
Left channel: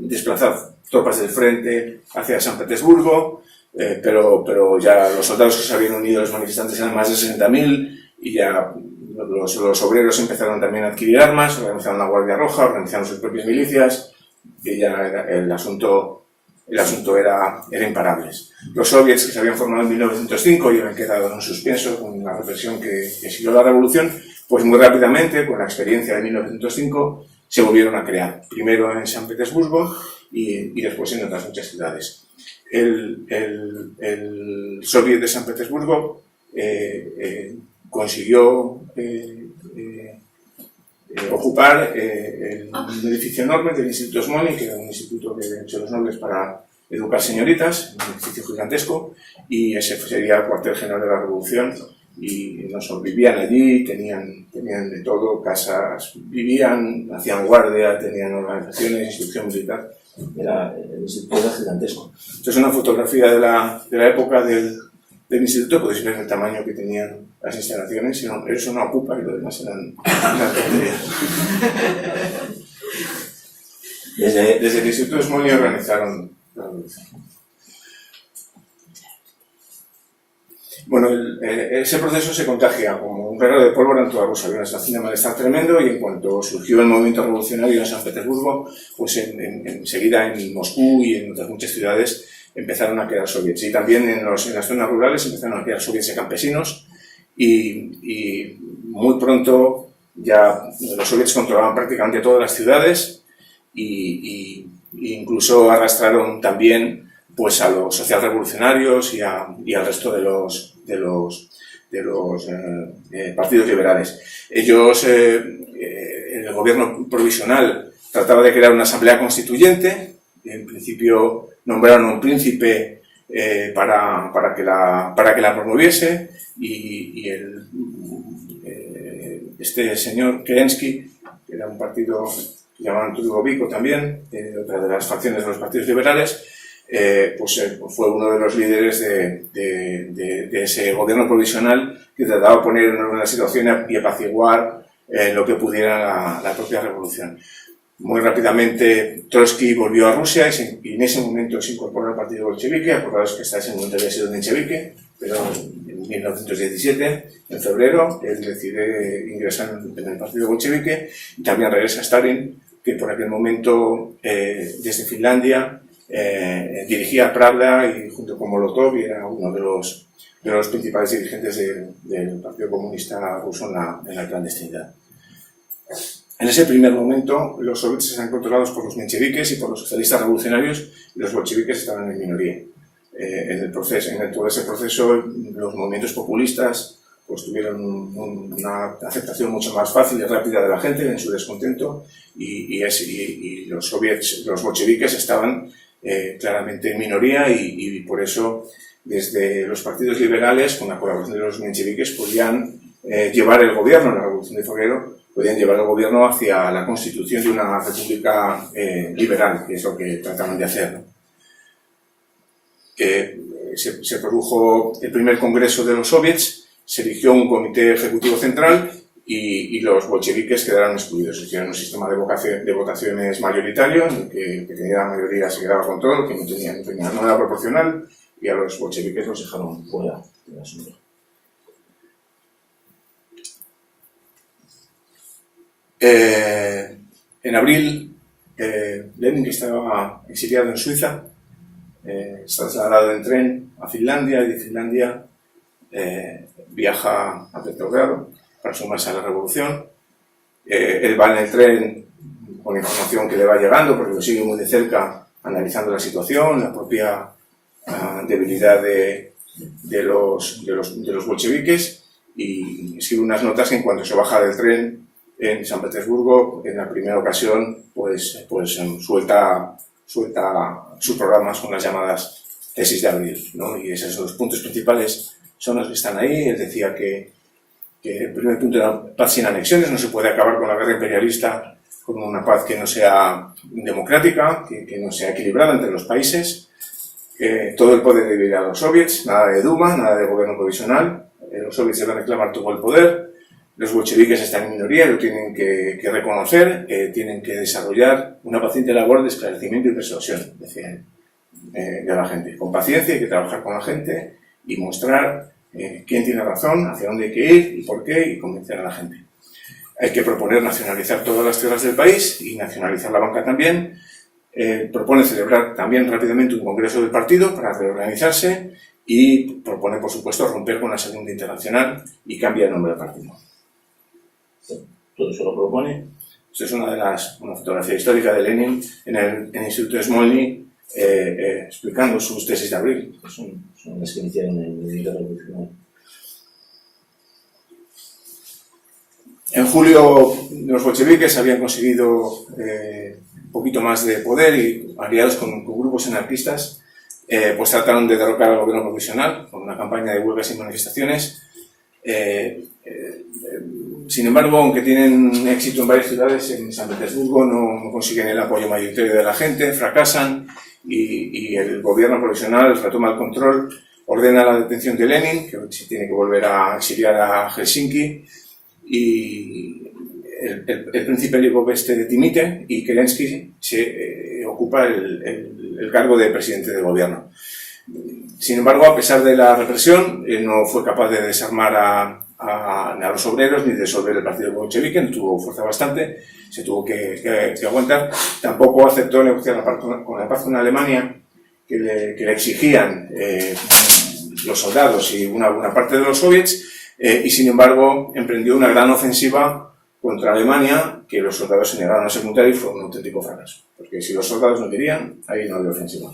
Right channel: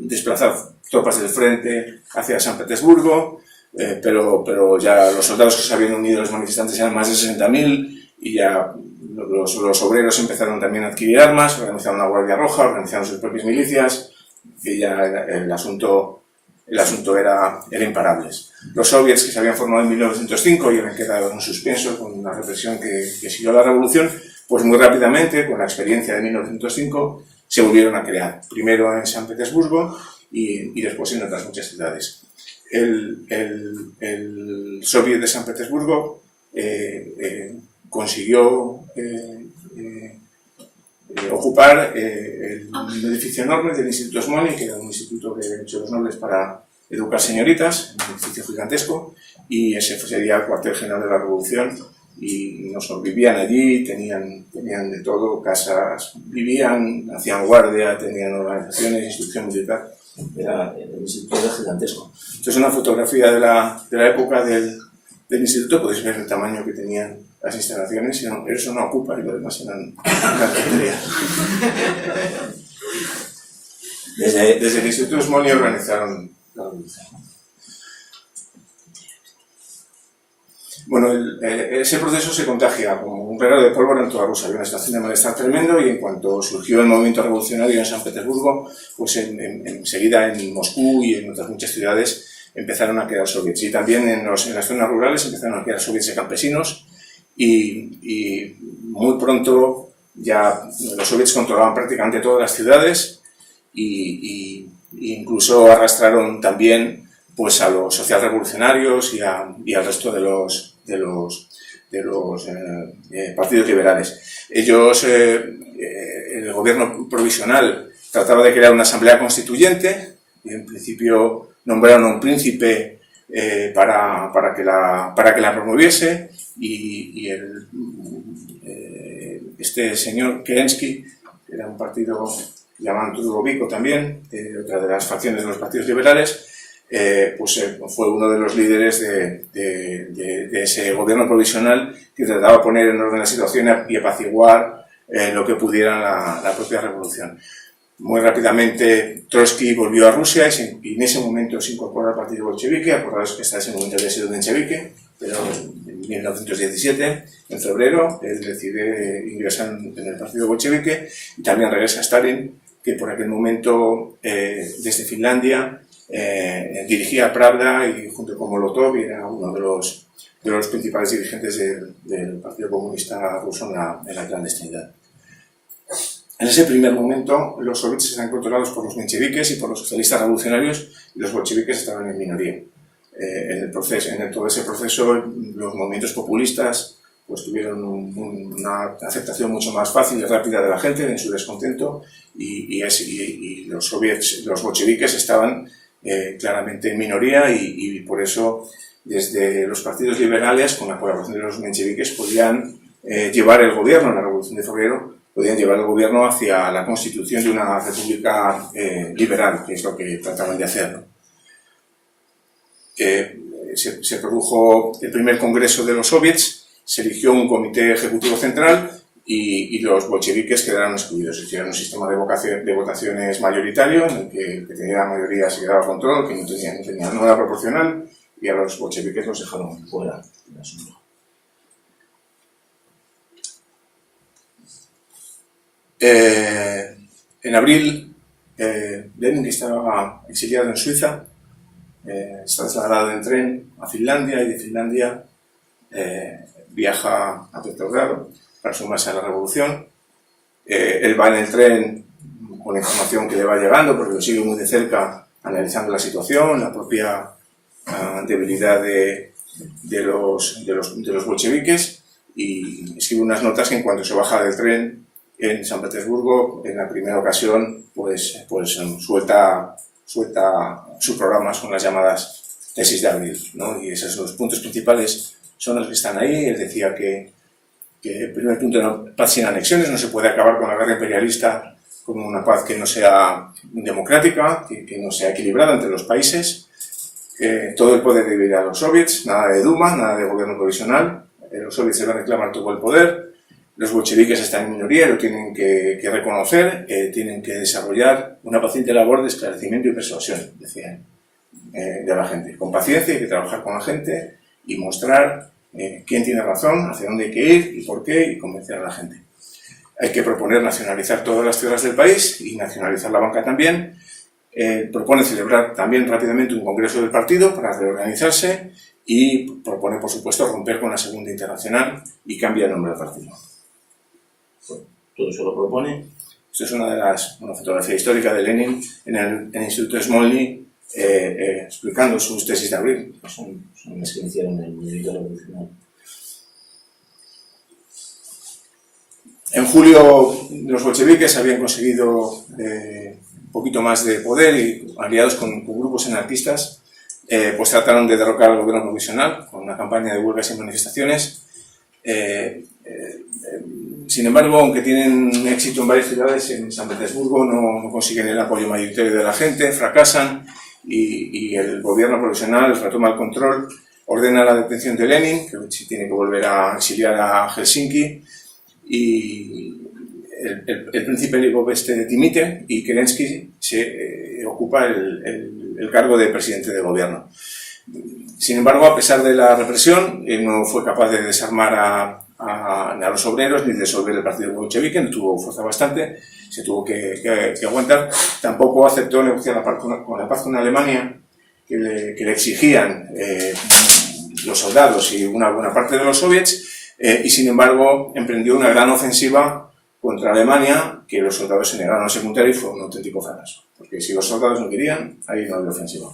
desplazar tropas del frente hacia San Petersburgo, pero ya los soldados que se habían unido a los manifestantes eran más de 60.000 y ya los obreros empezaron también a adquirir armas, organizaron la Guardia Roja, organizaron sus propias milicias, y ya el asunto era imparable. Los soviets que se habían formado en 1905 y habían quedado en suspenso con la represión que siguió la revolución, pues muy rápidamente, con la experiencia de 1905, se volvieron a crear. Primero en San Petersburgo y después en otras muchas ciudades. El soviet de San Petersburgo consiguió ocupar un edificio enorme del Instituto Smolny, que era un instituto de los nobles para educar señoritas, un edificio gigantesco, y ese sería el cuartel general de la Revolución, y vivían allí, tenían de todo, casas, vivían, hacían guardia, tenían organizaciones, instrucción militar, el instituto era gigantesco. Esto es una fotografía de la época del instituto, podéis ver el tamaño que tenían las instalaciones, eso no ocupa y lo demás eran tonterías. Desde el Instituto Smolny organizaron la revolución. Bueno, ese proceso se contagia como un regalo de pólvora en toda Rusia. Había una situación de malestar tremendo y en cuanto surgió el movimiento revolucionario en San Petersburgo, pues enseguida en Moscú y en otras muchas ciudades empezaron a quedar soviets. Y también en las zonas rurales empezaron a quedar soviets de campesinos y muy pronto ya los soviets controlaban prácticamente todas las ciudades y incluso arrastraron también pues a los socialrevolucionarios y al resto de los partidos liberales. Ellos, el gobierno provisional trataba de crear una asamblea constituyente y en principio nombraron a un príncipe para que la promoviese y este señor Kerensky, que era un partido que llamaban Trudovico también, otra de las facciones de los partidos liberales, fue uno de los líderes de ese gobierno provisional que trataba de poner en orden la situación y apaciguar lo que pudiera la propia revolución. Muy rápidamente Trotsky volvió a Rusia y en ese momento se incorporó al partido bolchevique. Acordaos que hasta ese momento había sido menchevique, pero en 1917, en febrero, él decide ingresar en el partido bolchevique y también regresa a Stalin, que por aquel momento desde Finlandia dirigía Pravda y junto con Molotov era uno de los principales dirigentes del Partido Comunista Ruso en la clandestinidad. En ese primer momento los soviets eran controlados por los mencheviques y por los socialistas revolucionarios y los bolcheviques estaban en minoría. En todo ese proceso los movimientos populistas pues tuvieron una aceptación mucho más fácil y rápida de la gente en su descontento y los bolcheviques estaban claramente en minoría y por eso desde los partidos liberales con la colaboración de los mencheviques podían llevar el gobierno, la Revolución de Febrero, podían llevar el gobierno hacia la constitución de una república liberal, que es lo que trataban de hacer, ¿no? Se produjo el primer congreso de los soviets, se eligió un comité ejecutivo central y los bolcheviques quedaron excluidos. Hicieron un sistema de votaciones mayoritario en el que el que tenía la mayoría se quedaba con todo, el que no era proporcional, y a los bolcheviques los dejaron fuera del asunto. En abril, Lenin, que estaba exiliado en Suiza, está trasladado en tren a Finlandia, y de Finlandia viaja a Petrogrado para sumarse a la revolución. Él va en el tren con la información que le va llegando, porque lo sigue muy de cerca, analizando la situación, la propia debilidad de los bolcheviques, y escribe unas notas que en cuanto se baja del tren en San Petersburgo, en la primera ocasión, pues suelta sus programas con las llamadas tesis de abril, ¿no? Y esos son los puntos principales, son los que están ahí. Él decía que el primer punto era paz sin anexiones, no se puede acabar con la guerra imperialista con una paz que no sea democrática, que no sea equilibrada entre los países, que todo el poder debe ir a los soviets, nada de Duma, nada de gobierno provisional, los soviets deben reclamar todo el poder, los bolcheviques están en minoría, lo tienen que reconocer, tienen que desarrollar una paciente labor de esclarecimiento y persuasión, decían, de la gente. Con paciencia hay que trabajar con la gente y mostrar quién tiene razón, hacia dónde hay que ir y por qué, y convencer a la gente. Hay que proponer nacionalizar todas las tierras del país y nacionalizar la banca también. Propone celebrar también rápidamente un congreso del partido para reorganizarse y propone, por supuesto, romper con la Segunda Internacional y cambia el nombre del partido. Bueno, todo eso lo propone. Esto es una fotografía histórica de Lenin en el Instituto de Smolny, explicando sus tesis de abril, que son las que iniciaron el movimiento revolucionario. En julio los bolcheviques habían conseguido un poquito más de poder y, aliados con grupos anarquistas, pues trataron de derrocar al gobierno provisional con una campaña de huelgas y manifestaciones. Sin embargo, aunque tienen éxito en varias ciudades, en San Petersburgo no consiguen el apoyo mayoritario de la gente, fracasan y el gobierno provisional retoma el control, ordena la detención de Lenin, que se tiene que volver a exiliar a Helsinki, y el príncipe Lvov dimite y Kerensky se ocupa el cargo de presidente de gobierno. Sin embargo, a pesar de la represión, no fue capaz de desarmar a los obreros ni de disolver el partido bolchevique, no tuvo fuerza bastante, se tuvo que aguantar. Tampoco aceptó negociar con la paz con Alemania, que le exigían los soldados y una buena parte de los soviets, y sin embargo emprendió una gran ofensiva contra Alemania, que los soldados se negaron a secundar y fue un auténtico fracaso. Porque si los soldados no querían, ahí no había ofensiva.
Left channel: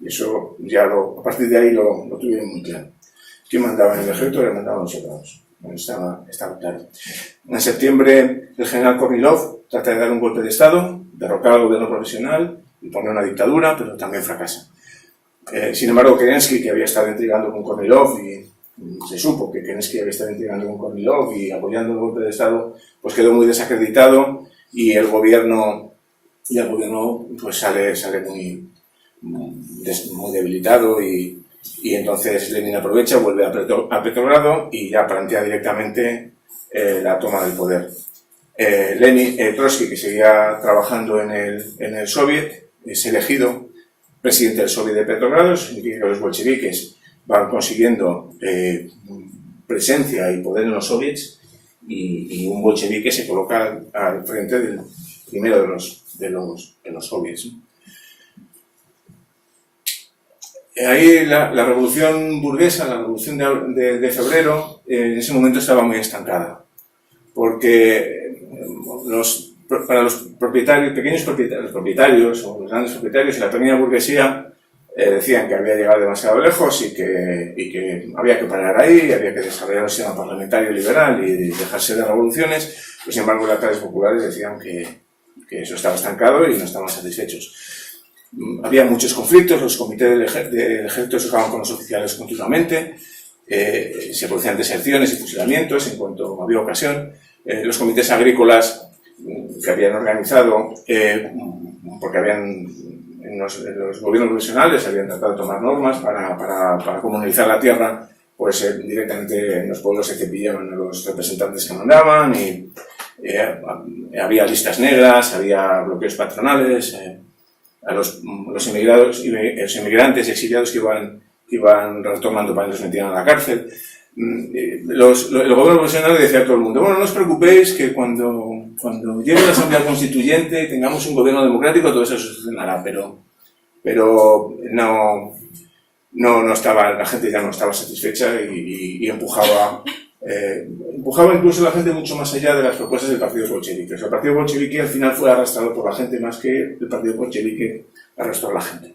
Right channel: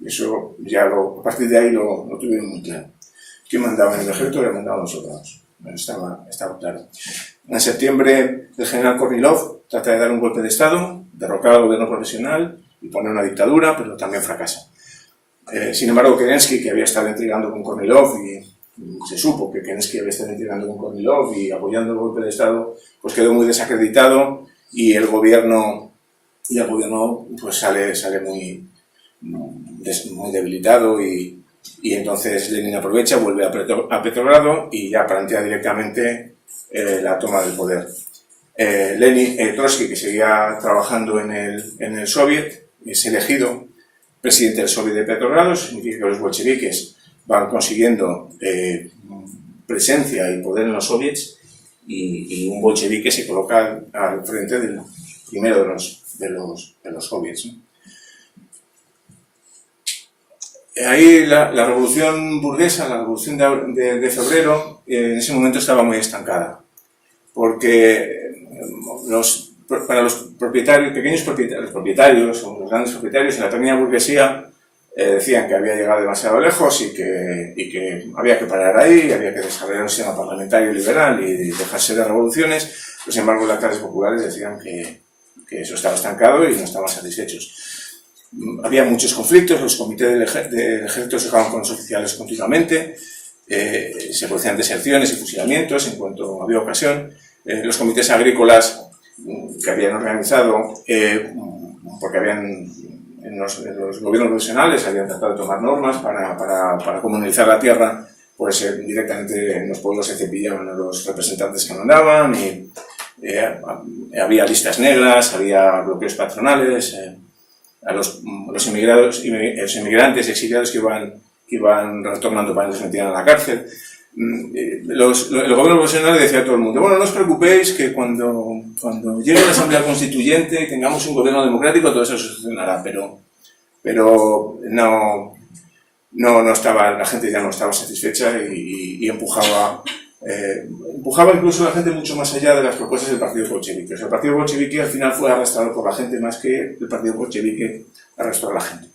Y eso ya a partir de ahí lo tuvieron muy claro. ¿Quién mandaba en el ejército? Le mandaban los soldados. Estaba claro. En septiembre, el general Kornilov trata de dar un golpe de Estado, derrocar al gobierno provisional y poner una dictadura, pero también fracasa. Sin embargo, Kerensky, que había estado intrigando con Kornilov, y se supo que Kerensky había estado intrigando con Kornilov y apoyando el golpe de Estado, pues quedó muy desacreditado y el gobierno pues sale muy debilitado y entonces Lenin aprovecha, vuelve a Petrogrado y ya plantea directamente la toma del poder. Trotsky, que seguía trabajando en el Soviet, es elegido presidente del Soviet de Petrogrado. Eso significa que los bolcheviques van consiguiendo presencia y poder en los soviets y un bolchevique se coloca al frente del primero de los soviets, ¿no? Ahí la revolución burguesa, la revolución de febrero, en ese momento estaba muy estancada, porque para los pequeños propietarios o los grandes propietarios en la pequeña burguesía decían que había llegado demasiado lejos y que había que parar ahí, había que desarrollar un sistema parlamentario liberal y dejarse de revoluciones. Pero, sin embargo, las clases populares decían que eso estaba estancado y no estaban satisfechos. Había muchos conflictos, los comités del ejército se tocaban con los oficiales continuamente, se producían deserciones y fusilamientos en cuanto había ocasión. Los comités agrícolas que habían organizado, porque en los gobiernos provisionales habían tratado de tomar normas para comunalizar la tierra, pues directamente en los pueblos se cepillaban a los representantes que mandaban y había listas negras, había bloqueos patronales, a los inmigrantes exiliados que iban retornando para que los metieran a la cárcel. El gobierno provisional decía a todo el mundo: bueno, no os preocupéis, que cuando llegue la Asamblea Constituyente y tengamos un gobierno democrático, todo eso se solucionará, pero no estaba, la gente ya no estaba satisfecha y empujaba incluso a la gente mucho más allá de las propuestas del partido bolchevique. O sea, el partido bolchevique al final fue arrastrado por la gente más que el partido bolchevique arrastró a la gente.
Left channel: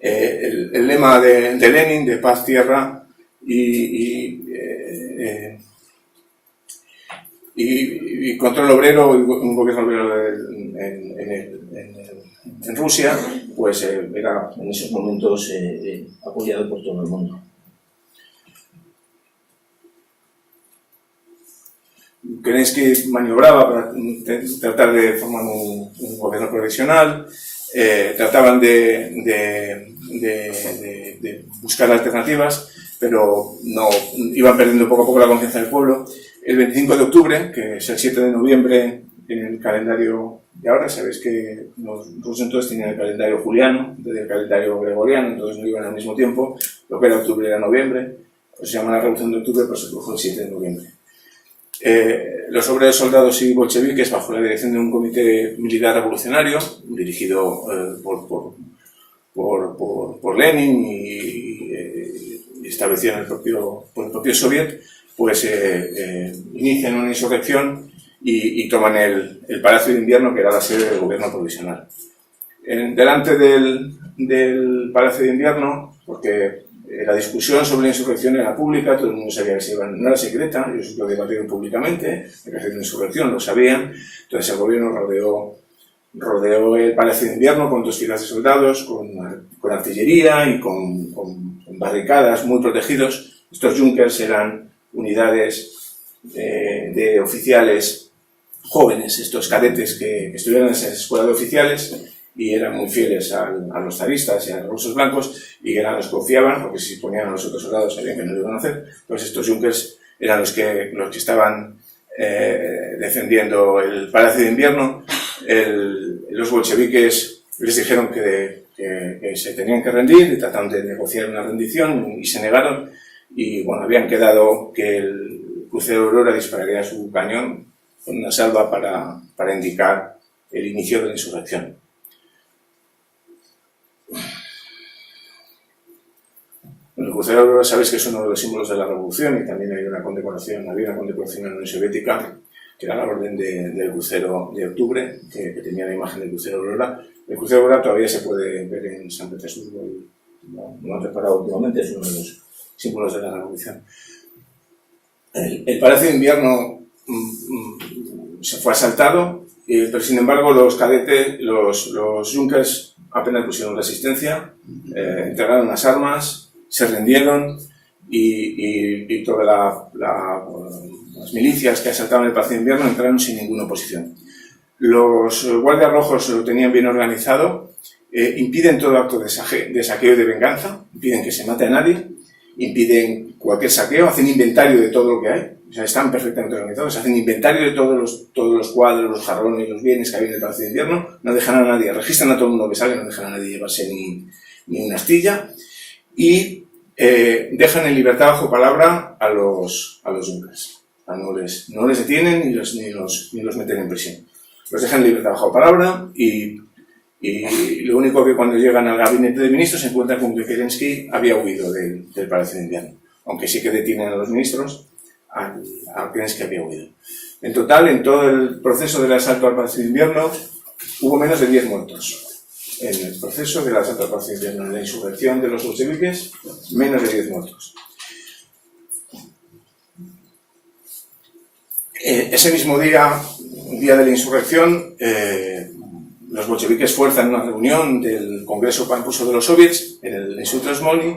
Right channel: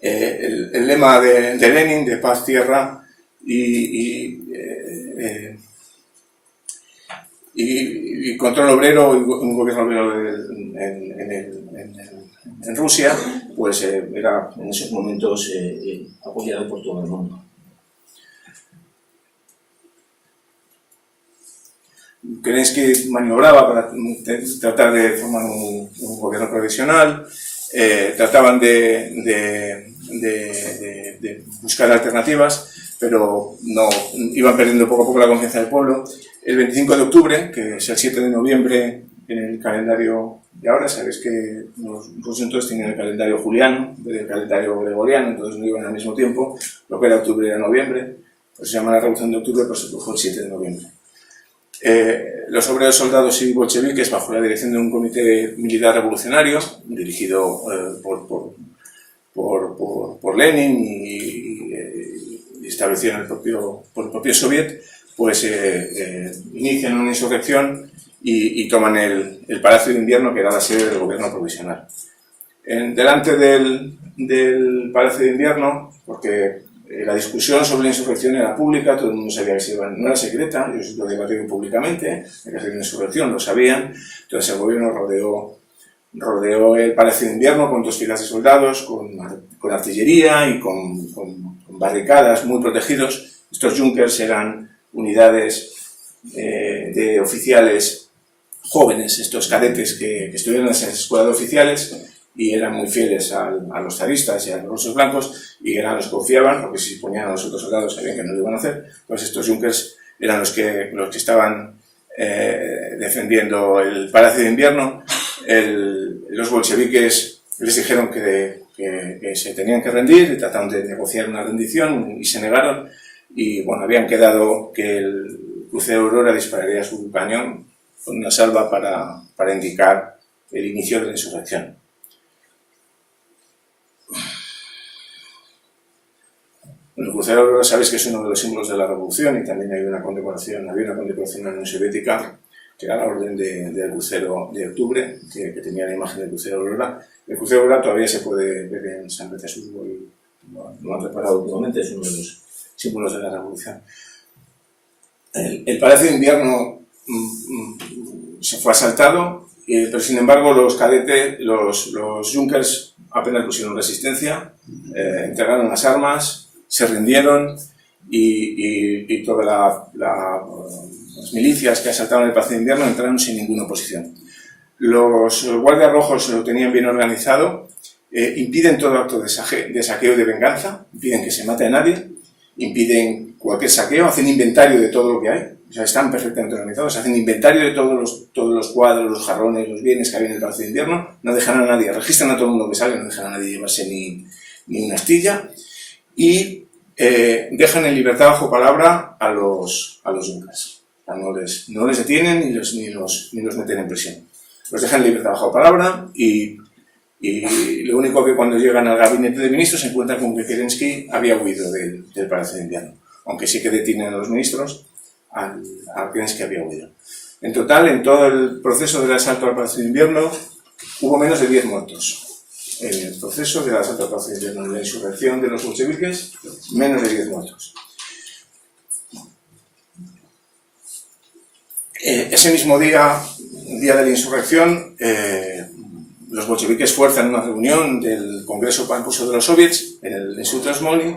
El lema de Lenin, de paz, tierra y control obrero, un gobierno obrero en Rusia, pues era en esos momentos apoyado por todo el mundo. Kerensky maniobraba para tratar de formar un gobierno provisional, trataban de buscar alternativas, pero no iban perdiendo poco a poco la confianza del pueblo. El 25 de octubre, que es el 7 de noviembre en el calendario de ahora, sabéis que los rusos entonces tenían el calendario juliano en vez del calendario gregoriano, entonces no iban al mismo tiempo, lo que era octubre era noviembre, pues se llama la Revolución de Octubre, pues se produjo el 7 de noviembre. Los obreros, soldados y bolcheviques, bajo la dirección de un comité militar revolucionario dirigido por Lenin y establecido por el propio Soviet, pues inician una insurrección y toman el Palacio de Invierno, que era la sede del gobierno provisional. Delante del Palacio de Invierno, porque la discusión sobre la insurrección era pública, todo el mundo sabía que no era secreta, ellos lo debatieron públicamente, que hacía una insurrección, lo sabían. Entonces el gobierno rodeó el Palacio de Invierno con 2 filas de soldados, con artillería y con barricadas muy protegidos. Estos Junkers eran unidades de oficiales jóvenes, estos cadetes que estuvieron en esa escuela de oficiales, y eran muy fieles a los zaristas y a los rusos blancos, y eran los que confiaban, porque si ponían a los otros soldados sabían que no lo iban a hacer. Pues estos Junkers eran los que estaban defendiendo el Palacio de Invierno. Los bolcheviques les dijeron que se tenían que rendir y trataron de negociar una rendición y se negaron, y bueno, habían quedado que el crucero Aurora dispararía su cañón con una salva para indicar el inicio de la insurrección. El crucero Aurora, sabéis que es uno de los símbolos de la revolución, y también había una condecoración en la Unión Soviética, que era la orden del crucero de octubre, que tenía la imagen del crucero Aurora. El crucero Aurora todavía se puede ver en San Petersburgo y lo han reparado últimamente, es uno de los símbolos de la revolución. El Palacio de Invierno se fue asaltado, pero sin embargo los cadetes, los Junkers apenas pusieron resistencia, entregaron las armas, se rindieron, y todas las milicias que asaltaron el Palacio de Invierno entraron sin ninguna oposición. Los guardias rojos lo tenían bien organizado, impiden todo acto de saqueo y de venganza, impiden que se mate a nadie, impiden cualquier saqueo, hacen inventario de todo lo que hay, o sea, están perfectamente organizados, hacen inventario de todos los cuadros, los jarrones, los bienes que había en el Palacio de Invierno, no dejan a nadie, registran a todo el mundo que sale, no dejan a nadie llevarse ni una astilla, y dejan en libertad bajo palabra a los Junkers. No les detienen ni los meten en prisión. Los dejan en libertad bajo palabra, y lo único que cuando llegan al gabinete de ministros se encuentran con que Kerensky había huido del Palacio de Invierno, aunque sí que detienen a los ministros, a Kerensky había huido. En total, en todo el proceso del asalto al Palacio de Invierno, hubo menos de 10 muertos. En el proceso del asalto al Palacio de Invierno, en la insurrección de los bolcheviques, menos de 10 muertos. Ese mismo día de la insurrección, los bolcheviques fuerzan una reunión del Congreso Panruso de los Soviets en el Instituto Smolny,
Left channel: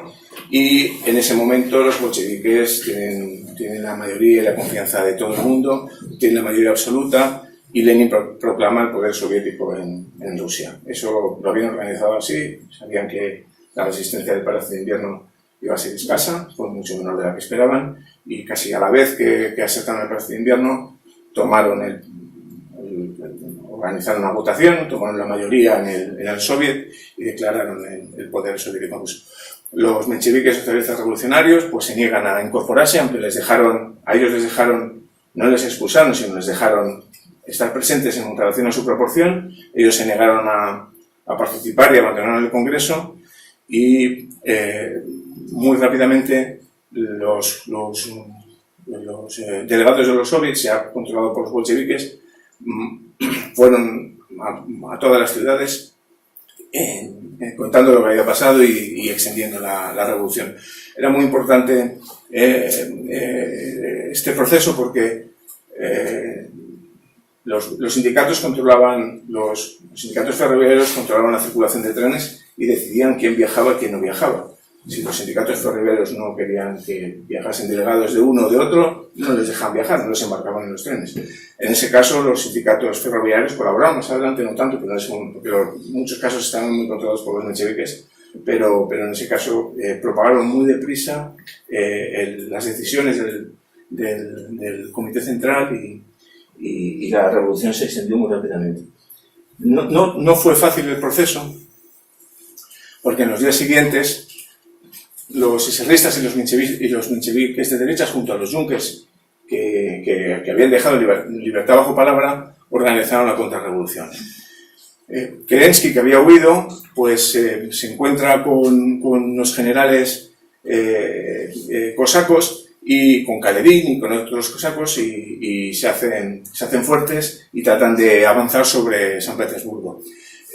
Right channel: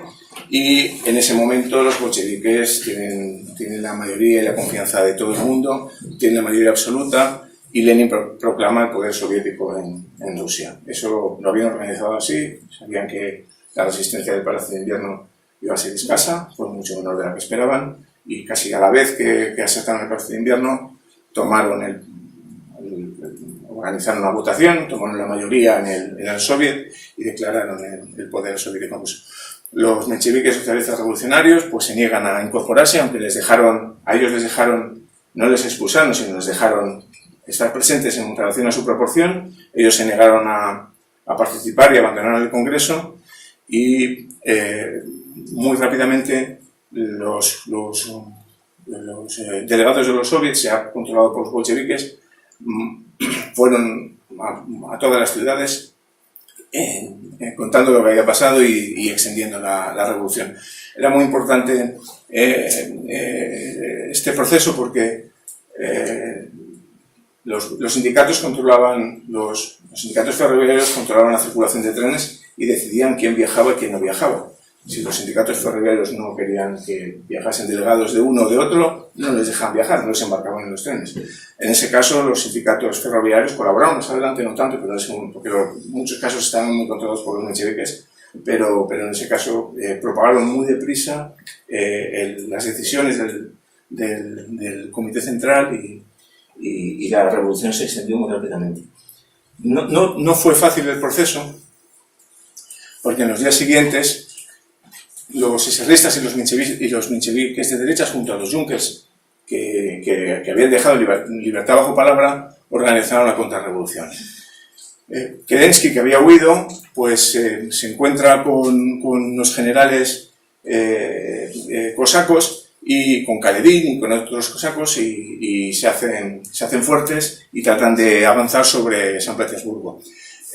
y en ese momento los bolcheviques tienen la mayoría y la confianza de todo el mundo, tienen la mayoría absoluta, y Lenin proclama el poder soviético en Rusia. Eso lo habían organizado así, sabían que la resistencia del Palacio de Invierno iba a ser escasa, fue mucho menor de la que esperaban, y casi a la vez que asaltaron el Palacio de Invierno, organizaron una votación, tomaron la mayoría en el soviet y declararon el poder soviético ruso. Los mencheviques socialistas revolucionarios pues se niegan a incorporarse, aunque a ellos les dejaron, no les expulsaron, sino les dejaron estar presentes en relación a su proporción. Ellos se negaron a participar y abandonaron el Congreso, y muy rápidamente los delegados de los soviets, ya controlados por los bolcheviques, fueron a todas las ciudades contando lo que había pasado y extendiendo la revolución. Era muy importante este proceso porque los sindicatos controlaban, los sindicatos ferroviarios controlaban la circulación de trenes y decidían quién viajaba y quién no viajaba. Si los sindicatos ferroviarios no querían que viajasen delegados de uno o de otro, no les dejaban viajar, no les embarcaban en los trenes. En ese caso, los sindicatos ferroviarios colaboraron, más adelante no tanto, pero porque en muchos casos estaban muy controlados por los mencheviques, pero en ese caso propagaron muy deprisa las decisiones del Comité Central y la revolución se extendió muy rápidamente. No fue fácil el proceso, porque en los días siguientes los eserristas y los mencheviques de derechas, junto a los Junkers que habían dejado libertad bajo palabra, organizaron la contrarrevolución. Kerensky, que había huido, pues se encuentra con los generales cosacos y con Kaledin y con otros cosacos y se hacen fuertes y tratan de avanzar sobre San Petersburgo.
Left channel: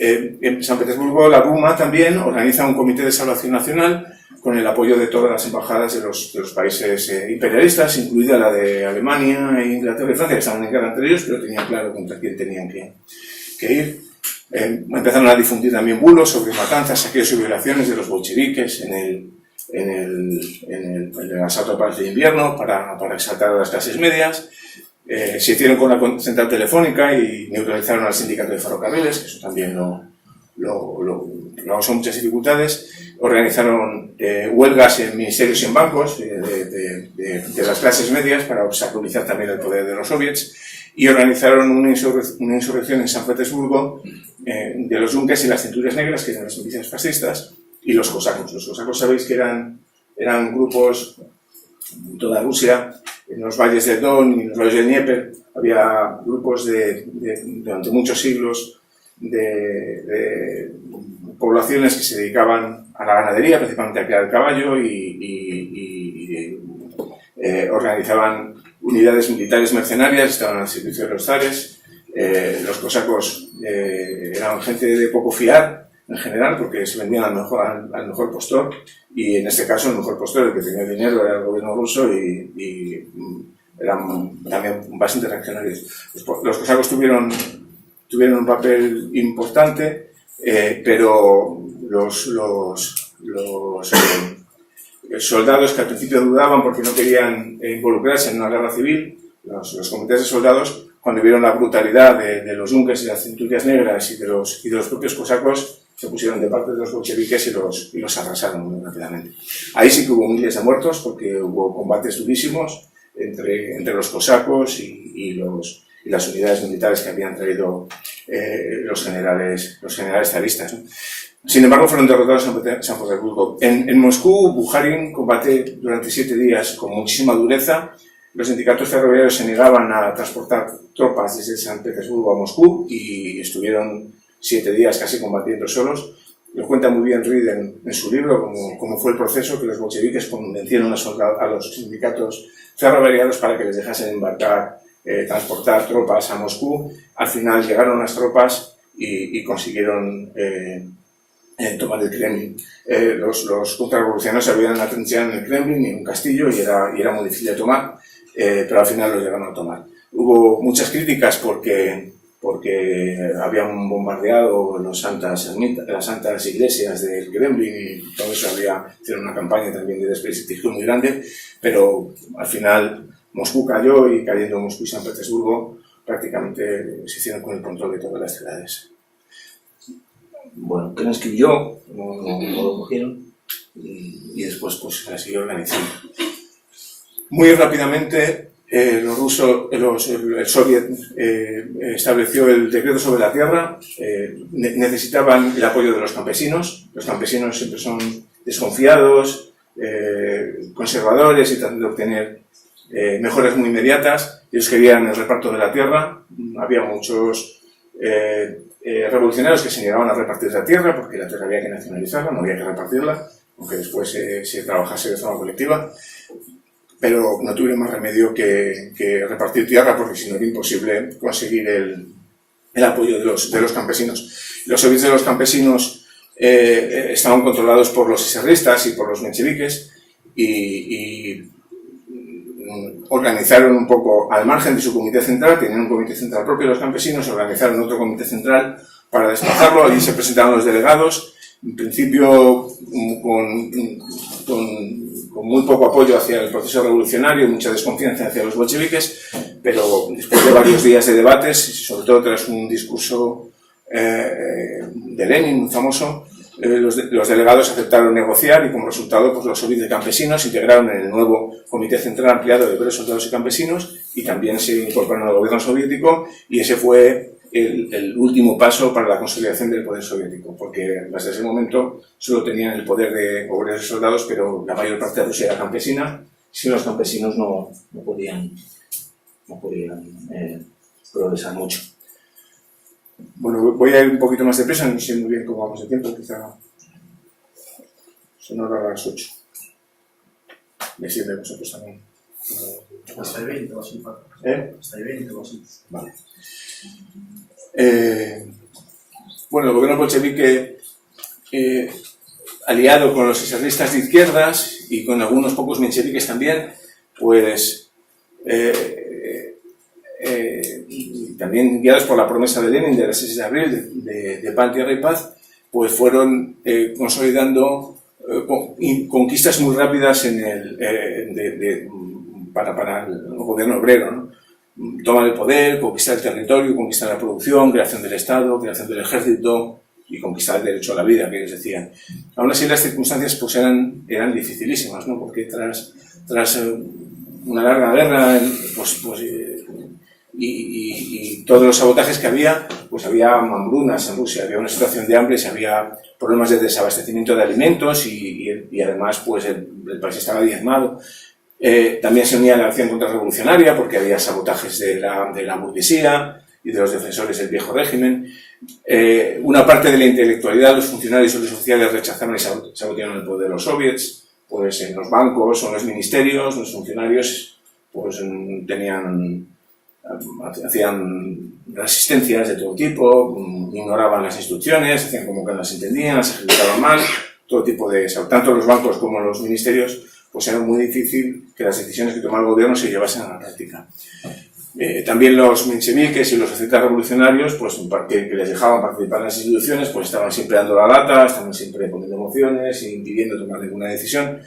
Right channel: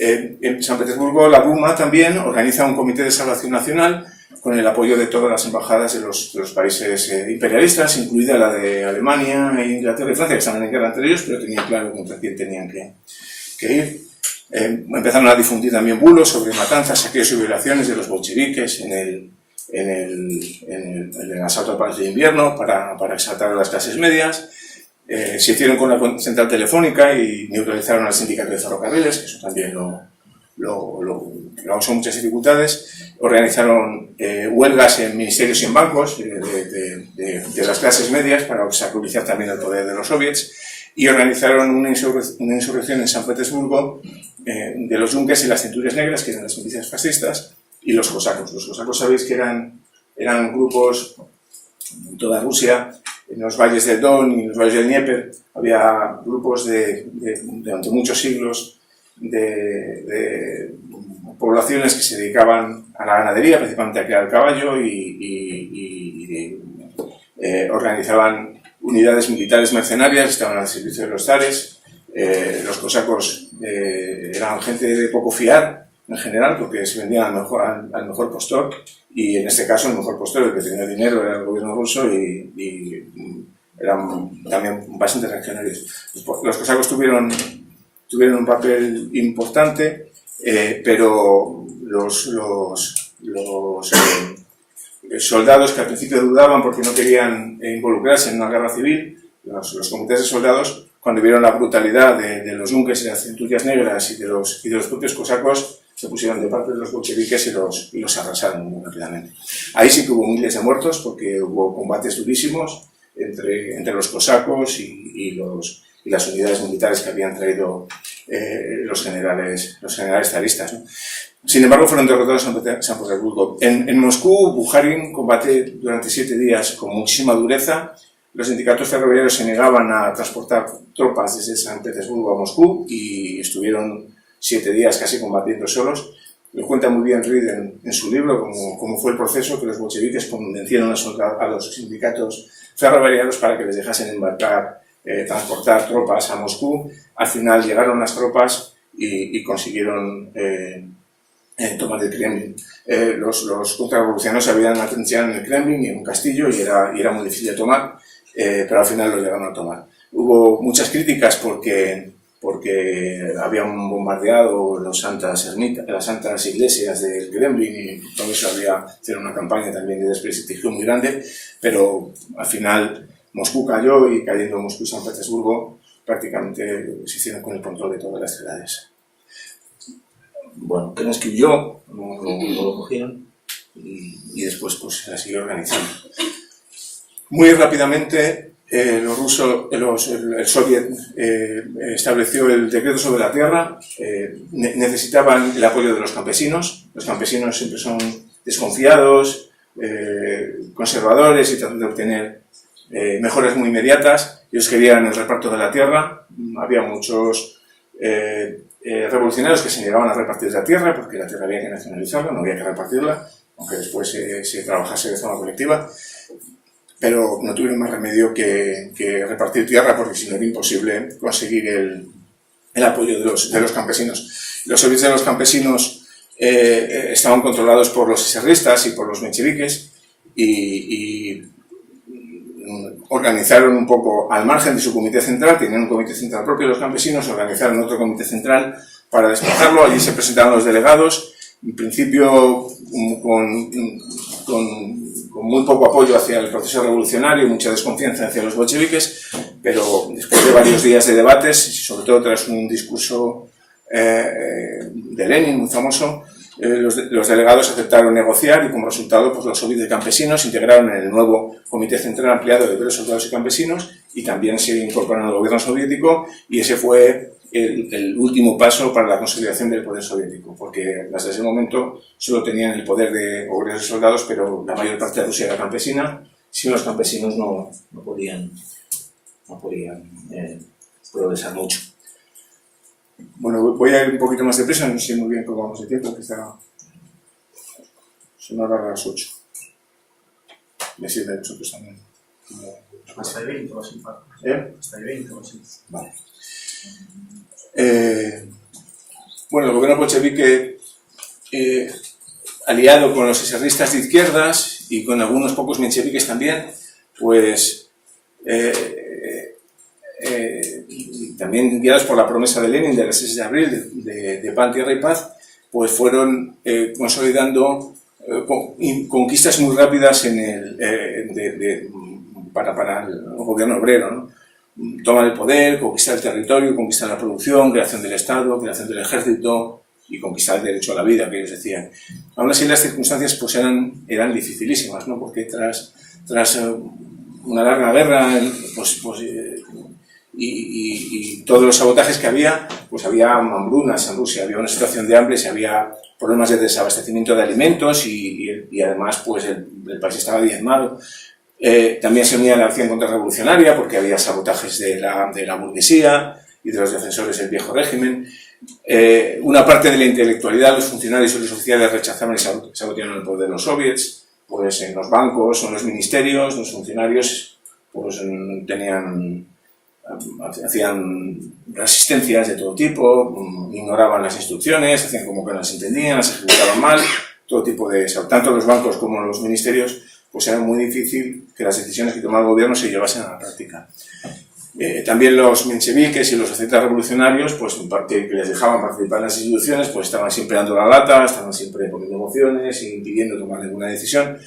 En San Petersburgo la Duma también organiza un comité de salvación nacional con el apoyo de todas las embajadas de los países imperialistas, incluida la de Alemania, Inglaterra y Francia, que estaban en guerra entre ellos, pero tenían claro contra quién tenían que ir. Empezaron a difundir también bulos sobre matanzas, saqueos y violaciones de los bolcheviques en el asalto al Palacio de Invierno para exaltar a las clases medias. Se hicieron con la central telefónica y neutralizaron al sindicato de ferrocarriles, que eso también lo causó muchas dificultades. Organizaron huelgas en ministerios y en bancos de las clases medias para obstaculizar también el poder de los soviets, y organizaron una insurrección en San Petersburgo de los Junkers y las Centurias Negras, que eran las milicias fascistas, y los cosacos. Los cosacos sabéis que eran grupos en toda Rusia, en los valles del Don y en los valles del Dnieper. Había grupos durante muchos siglos de poblaciones que se dedicaban a la ganadería, principalmente a criar el caballo, y organizaban unidades militares mercenarias, estaban al servicio de los zares. Los cosacos eran gente de poco fiar en general, porque se vendían al mejor postor, y en este caso el mejor postor, el que tenía dinero, era el gobierno ruso, y eran también bastante reaccionarios. Los cosacos tuvieron un papel importante, pero los soldados que al principio dudaban porque no querían involucrarse en una guerra civil, los comités de soldados, cuando vieron la brutalidad de los Junkers y las Centurias Negras y de los propios cosacos, se pusieron de parte de los bolcheviques y los arrasaron muy rápidamente. Ahí sí que hubo miles de muertos, porque hubo combates durísimos entre los cosacos y las unidades militares que habían traído los generales zaristas, ¿no? Sin embargo, fueron derrotados en San Petersburgo. En Moscú, Bukharin combate durante 7 días con muchísima dureza. Los sindicatos ferroviarios se negaban a transportar tropas desde San Petersburgo a Moscú y estuvieron 7 días casi combatiendo solos. Lo cuenta muy bien Reed en su libro, cómo fue el proceso, que los bolcheviques convencieron a los sindicatos ferroviarios para que les dejasen transportar tropas a Moscú. Al final llegaron las tropas y consiguieron tomar el Kremlin. Los contrarrevolucionarios se habían atrincherado en el Kremlin y en un castillo, y era muy difícil de tomar, pero al final lo llegaron a tomar. Hubo muchas críticas porque porque habían bombardeado las santas iglesias del Kremlin y todo eso hicieron una campaña también de desprestigio muy grande, pero al final Moscú cayó y cayendo Moscú y San Petersburgo prácticamente se hicieron con el control de todas las ciudades. Bueno, Ken escribió, no lo cogieron y después pues se la siguió organizando. Muy rápidamente el Soviet estableció el decreto sobre la tierra. Necesitaban el apoyo de los campesinos. Los campesinos siempre son desconfiados, conservadores y tratan de obtener mejoras muy inmediatas. Ellos querían el reparto de la tierra. Había muchos revolucionarios que se negaban a repartir la tierra porque la tierra había que nacionalizarla, no había que repartirla, aunque después se trabajase de forma colectiva. Pero no tuvieron más remedio que repartir tierra, porque si no era imposible conseguir el apoyo de los campesinos. Los soviets de los campesinos estaban controlados por los eserristas y por los mencheviques y organizaron un poco al margen de su comité central. Tenían un comité central propio los campesinos, organizaron otro comité central para desplazarlo. Allí se presentaron los delegados, en principio con muy poco apoyo hacia el proceso revolucionario y mucha desconfianza hacia los bolcheviques, pero después de varios días de debates, sobre todo tras un discurso de Lenin muy famoso, los delegados aceptaron negociar y como resultado pues, los soviets de campesinos se integraron en el nuevo Comité Central Ampliado de Obreros, Soldados y Campesinos y también se incorporaron al gobierno soviético, y ese fue el último paso para la consolidación del poder soviético, porque hasta ese momento solo tenían el poder de obreros y soldados, pero la mayor parte de Rusia era campesina. Sin los campesinos no podían progresar mucho. Bueno, voy a ir un poquito más deprisa, no sé muy bien cómo vamos de tiempo, quizá son ahora las 8. Me sirve a vosotros también. Hasta el 20 o así. Hasta el 20 o así. Vale. Bueno, el gobierno bolchevique, aliado con los eserristas de izquierdas y con algunos pocos mencheviques también, pues también guiados por la promesa de Lenin del 6 de abril de pan, tierra y paz, pues fueron consolidando conquistas muy rápidas para el gobierno obrero, ¿no? Tomar el poder, conquistar el territorio, conquistar la producción, creación del Estado, creación del ejército y conquistar el derecho a la vida, que ellos decían. Aún así las circunstancias pues eran dificilísimas, ¿no? Porque tras una larga guerra y todos los sabotajes que había, pues había hambrunas en Rusia, había una situación de hambre, había problemas de desabastecimiento de alimentos y además pues el país estaba diezmado. También se unía la acción contrarrevolucionaria porque había sabotajes de la burguesía y de los defensores del viejo régimen. Una parte de la intelectualidad, los funcionarios y los oficiales rechazaron y sabotearon el poder de los soviets, pues en los bancos o en los ministerios, los funcionarios pues hacían resistencias de todo tipo, ignoraban las instrucciones, hacían como que no las entendían, las ejecutaban mal, todo tipo de... Tanto los bancos como los ministerios, pues era muy difícil que las decisiones que tomaba el gobierno se llevasen a la práctica. También los mencheviques y los ascetas revolucionarios, pues que les dejaban participar en las instituciones, pues estaban siempre dando la lata, estaban siempre poniendo mociones e impidiendo tomar ninguna decisión.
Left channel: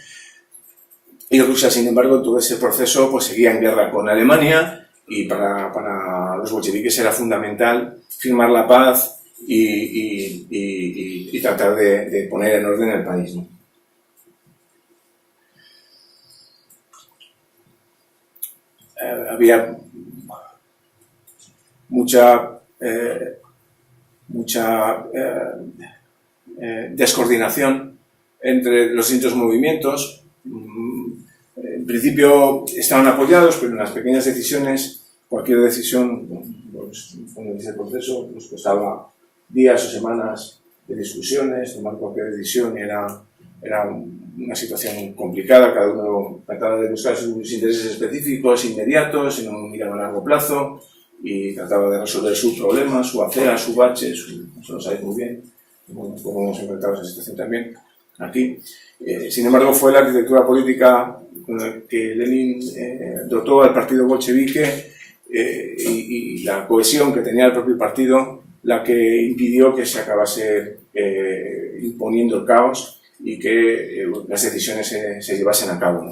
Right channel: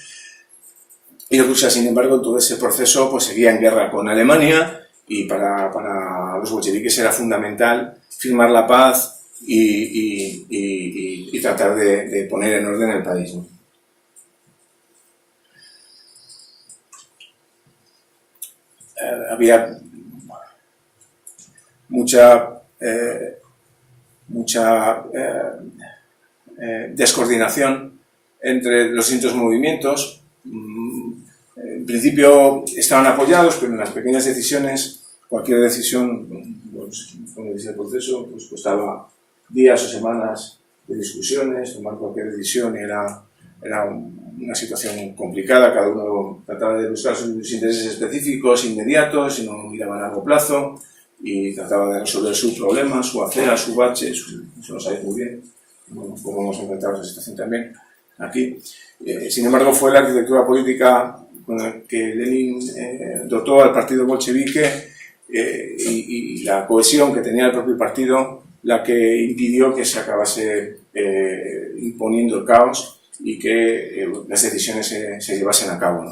Y Rusia, sin embargo, en todo ese proceso pues seguía en guerra con Alemania y para los bolcheviques era fundamental firmar la paz y tratar de poner en orden el país, ¿no? Había mucha descoordinación entre los distintos movimientos. En principio estaban apoyados, pero en las pequeñas decisiones, cualquier decisión, pues, cuando inicia el proceso, pues costaba días o semanas de discusiones. Tomar cualquier decisión era una situación complicada, cada uno trataba de buscar sus intereses específicos, inmediatos, y no miraba a largo plazo, y trataba de resolver su problema, su acera, su bache, eso lo sabéis muy bien, como hemos enfrentado esa situación también aquí. Sin embargo, fue la arquitectura política con la que Lenin dotó al partido bolchevique y la cohesión que tenía el propio partido la que impidió que se acabase imponiendo el caos y que las decisiones se llevasen a cabo, ¿no?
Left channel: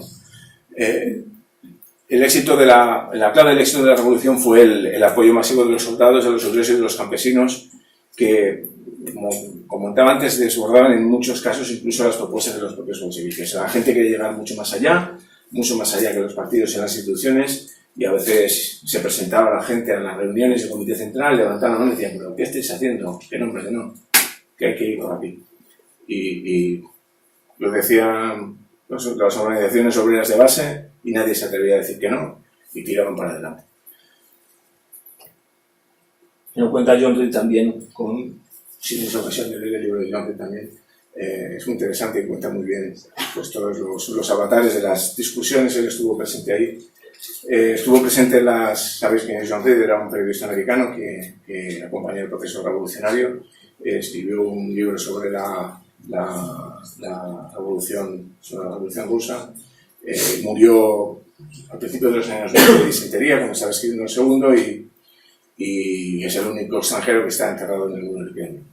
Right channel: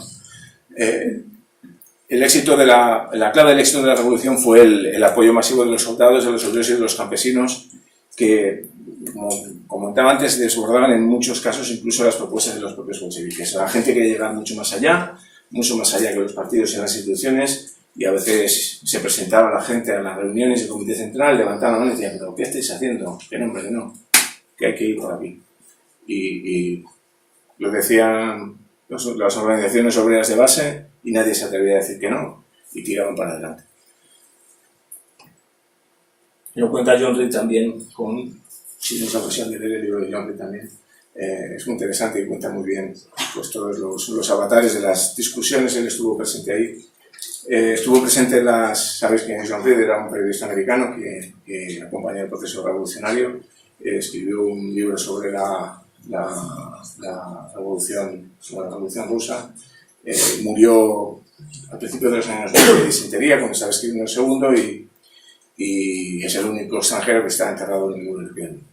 El éxito la clave del éxito de la revolución fue el apoyo masivo de los soldados, de los obreros y de los campesinos, que, como comentaba antes, desbordaban en muchos casos incluso las propuestas de los propios bolcheviques. La gente quería llegar mucho más allá que los partidos y las instituciones, y a veces se presentaba la gente a las reuniones del Comité Central, levantaban la mano y decían: ¿pero qué estáis haciendo? Que no, hombre, que no, que hay que ir por aquí. Y lo decían las organizaciones obreras de base y nadie se atrevía a decir que no, y tiraban para adelante. Y lo cuenta John Reed también, si tienes ocasión de leer el libro de John Reed también, es muy interesante y cuenta muy bien pues, todos los avatares de las discusiones. Él estuvo presente ahí. Estuvo presente sabéis que John Reed era un periodista americano que acompañó el proceso revolucionario, escribió un libro sobre la revolución rusa, murió al principio de los años 20 de disentería cuando estaba escribiendo el segundo, y es el único extranjero que está enterrado en el muro del Kremlin.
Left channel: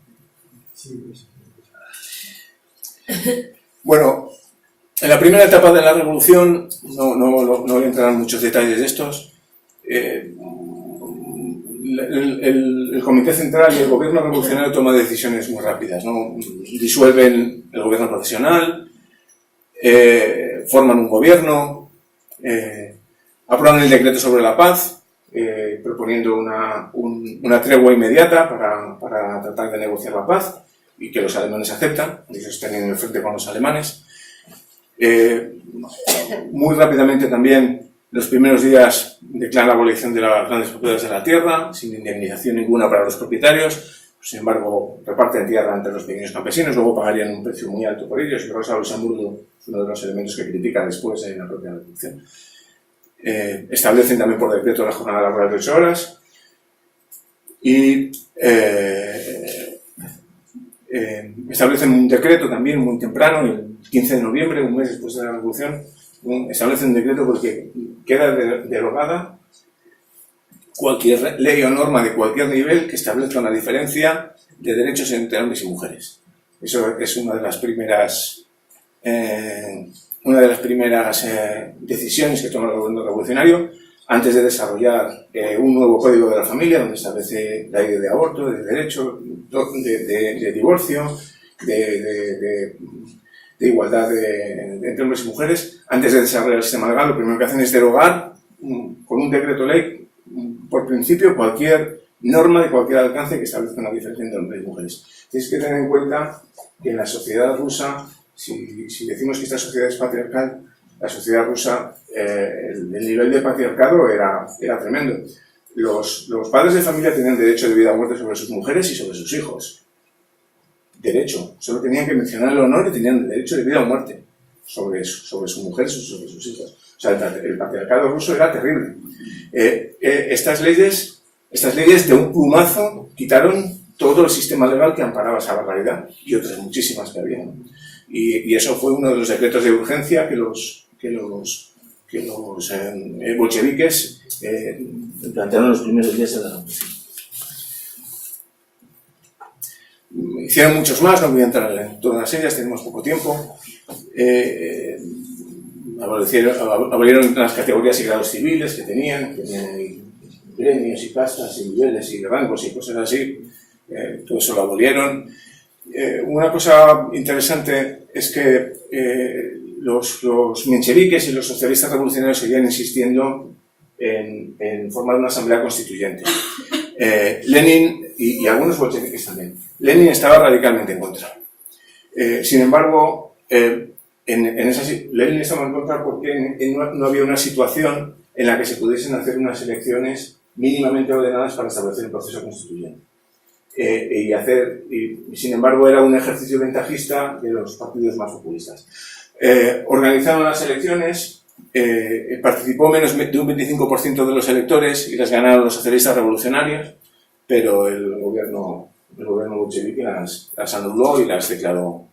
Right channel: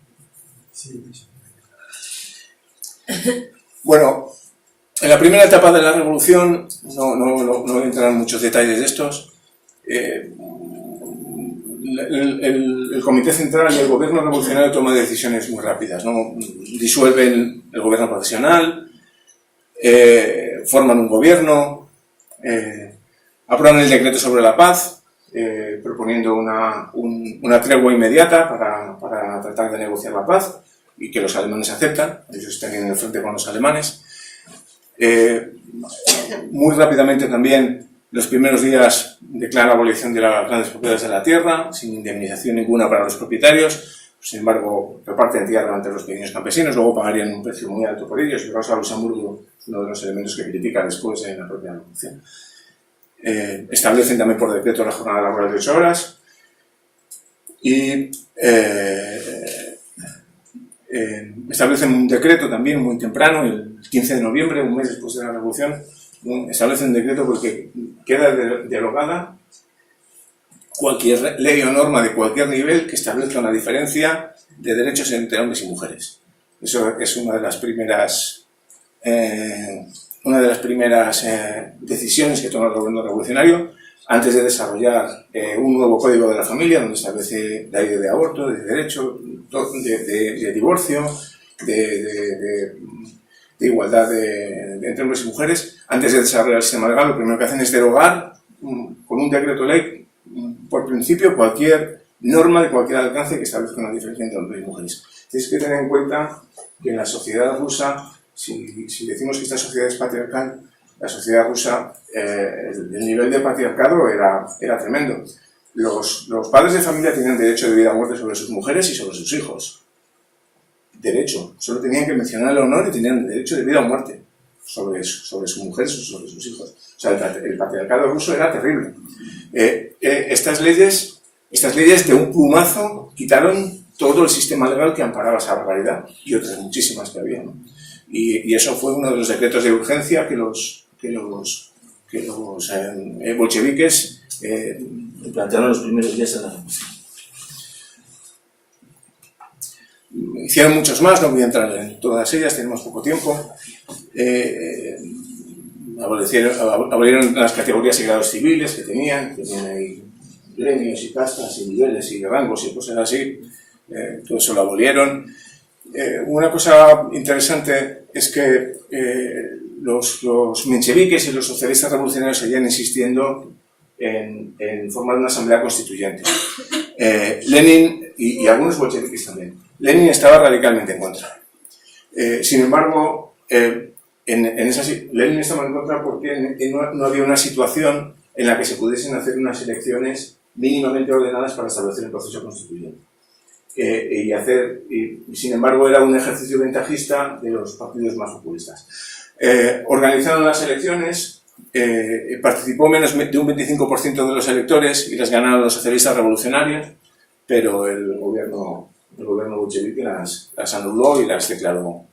Bueno, en la primera etapa de la revolución, no voy a entrar en muchos detalles de estos, el Comité Central y el gobierno revolucionario toman decisiones muy rápidas, ¿no? Disuelven el gobierno provisional, forman un gobierno, aprueban el decreto sobre la paz, proponiendo una tregua inmediata para tratar de negociar la paz, y que los alemanes aceptan. Ellos están en el frente con los alemanes. Muy rápidamente también, los primeros días, declaran la abolición de las grandes propiedades de la tierra, sin indemnización ninguna para los propietarios. Sin embargo, reparten tierra entre los pequeños campesinos, luego pagarían un precio muy alto por ellos, y Rosa Luxemburgo es uno de los elementos que critica después en la propia revolución. Establecen también por decreto la jornada laboral de 8 horas, y establecen un decreto también muy temprano, el 15 de noviembre, un mes después de la revolución, establecen un decreto porque queda derogada cualquier ley o norma de cualquier nivel que establezca una diferencia de derechos entre hombres y mujeres. Eso es una de las primeras decisiones que toma el gobierno revolucionario antes de desarrollar un nuevo código de la familia, donde establece la ley de aborto, de derecho, de divorcio, de igualdad entre hombres y mujeres. Antes de desarrollar el sistema legal, lo primero que hacen es derogar con un decreto ley, por principio, cualquier norma de cualquier alcance que establezca una diferencia entre hombres y mujeres. Tienes que tener en cuenta que en la sociedad rusa, si decimos que esta sociedad es patriarcal, la sociedad rusa, el nivel de patriarcado era tremendo. Los padres de familia tenían derecho de vida o muerte sobre sus mujeres y sobre sus hijos. Derecho. Solo tenían que mencionar el honor y tenían derecho de vida o muerte sobre sus mujeres o sobre sus hijos. O sea, el patriarcado ruso era terrible. Estas leyes de un plumazo quitaron todo el sistema legal que amparaba esa barbaridad, y otras muchísimas que había, ¿no? Y eso fue uno de los decretos de urgencia que los bolcheviques plantearon los primeros días de la revolución. Hicieron muchos más, no voy a entrar en todas ellas, tenemos poco tiempo. Abolieron las categorías y grados civiles que tenían ahí gremios y castas y niveles y rangos y cosas así. Todo eso lo abolieron. Una cosa interesante es que los mencheviques y los socialistas revolucionarios seguían insistiendo en formar una asamblea constituyente. Lenin y algunos bolcheviques también. Lenin estaba radicalmente en contra. Sin embargo, Lenin estaba en contra porque no había una situación en la que se pudiesen hacer unas elecciones mínimamente ordenadas para establecer el proceso constituyente. Y sin embargo era un ejercicio ventajista de los partidos más populistas. Organizaron las elecciones, participó menos de un 25% de los electores y las ganaron los socialistas revolucionarios, pero el gobierno bolchevique las anuló y las declaró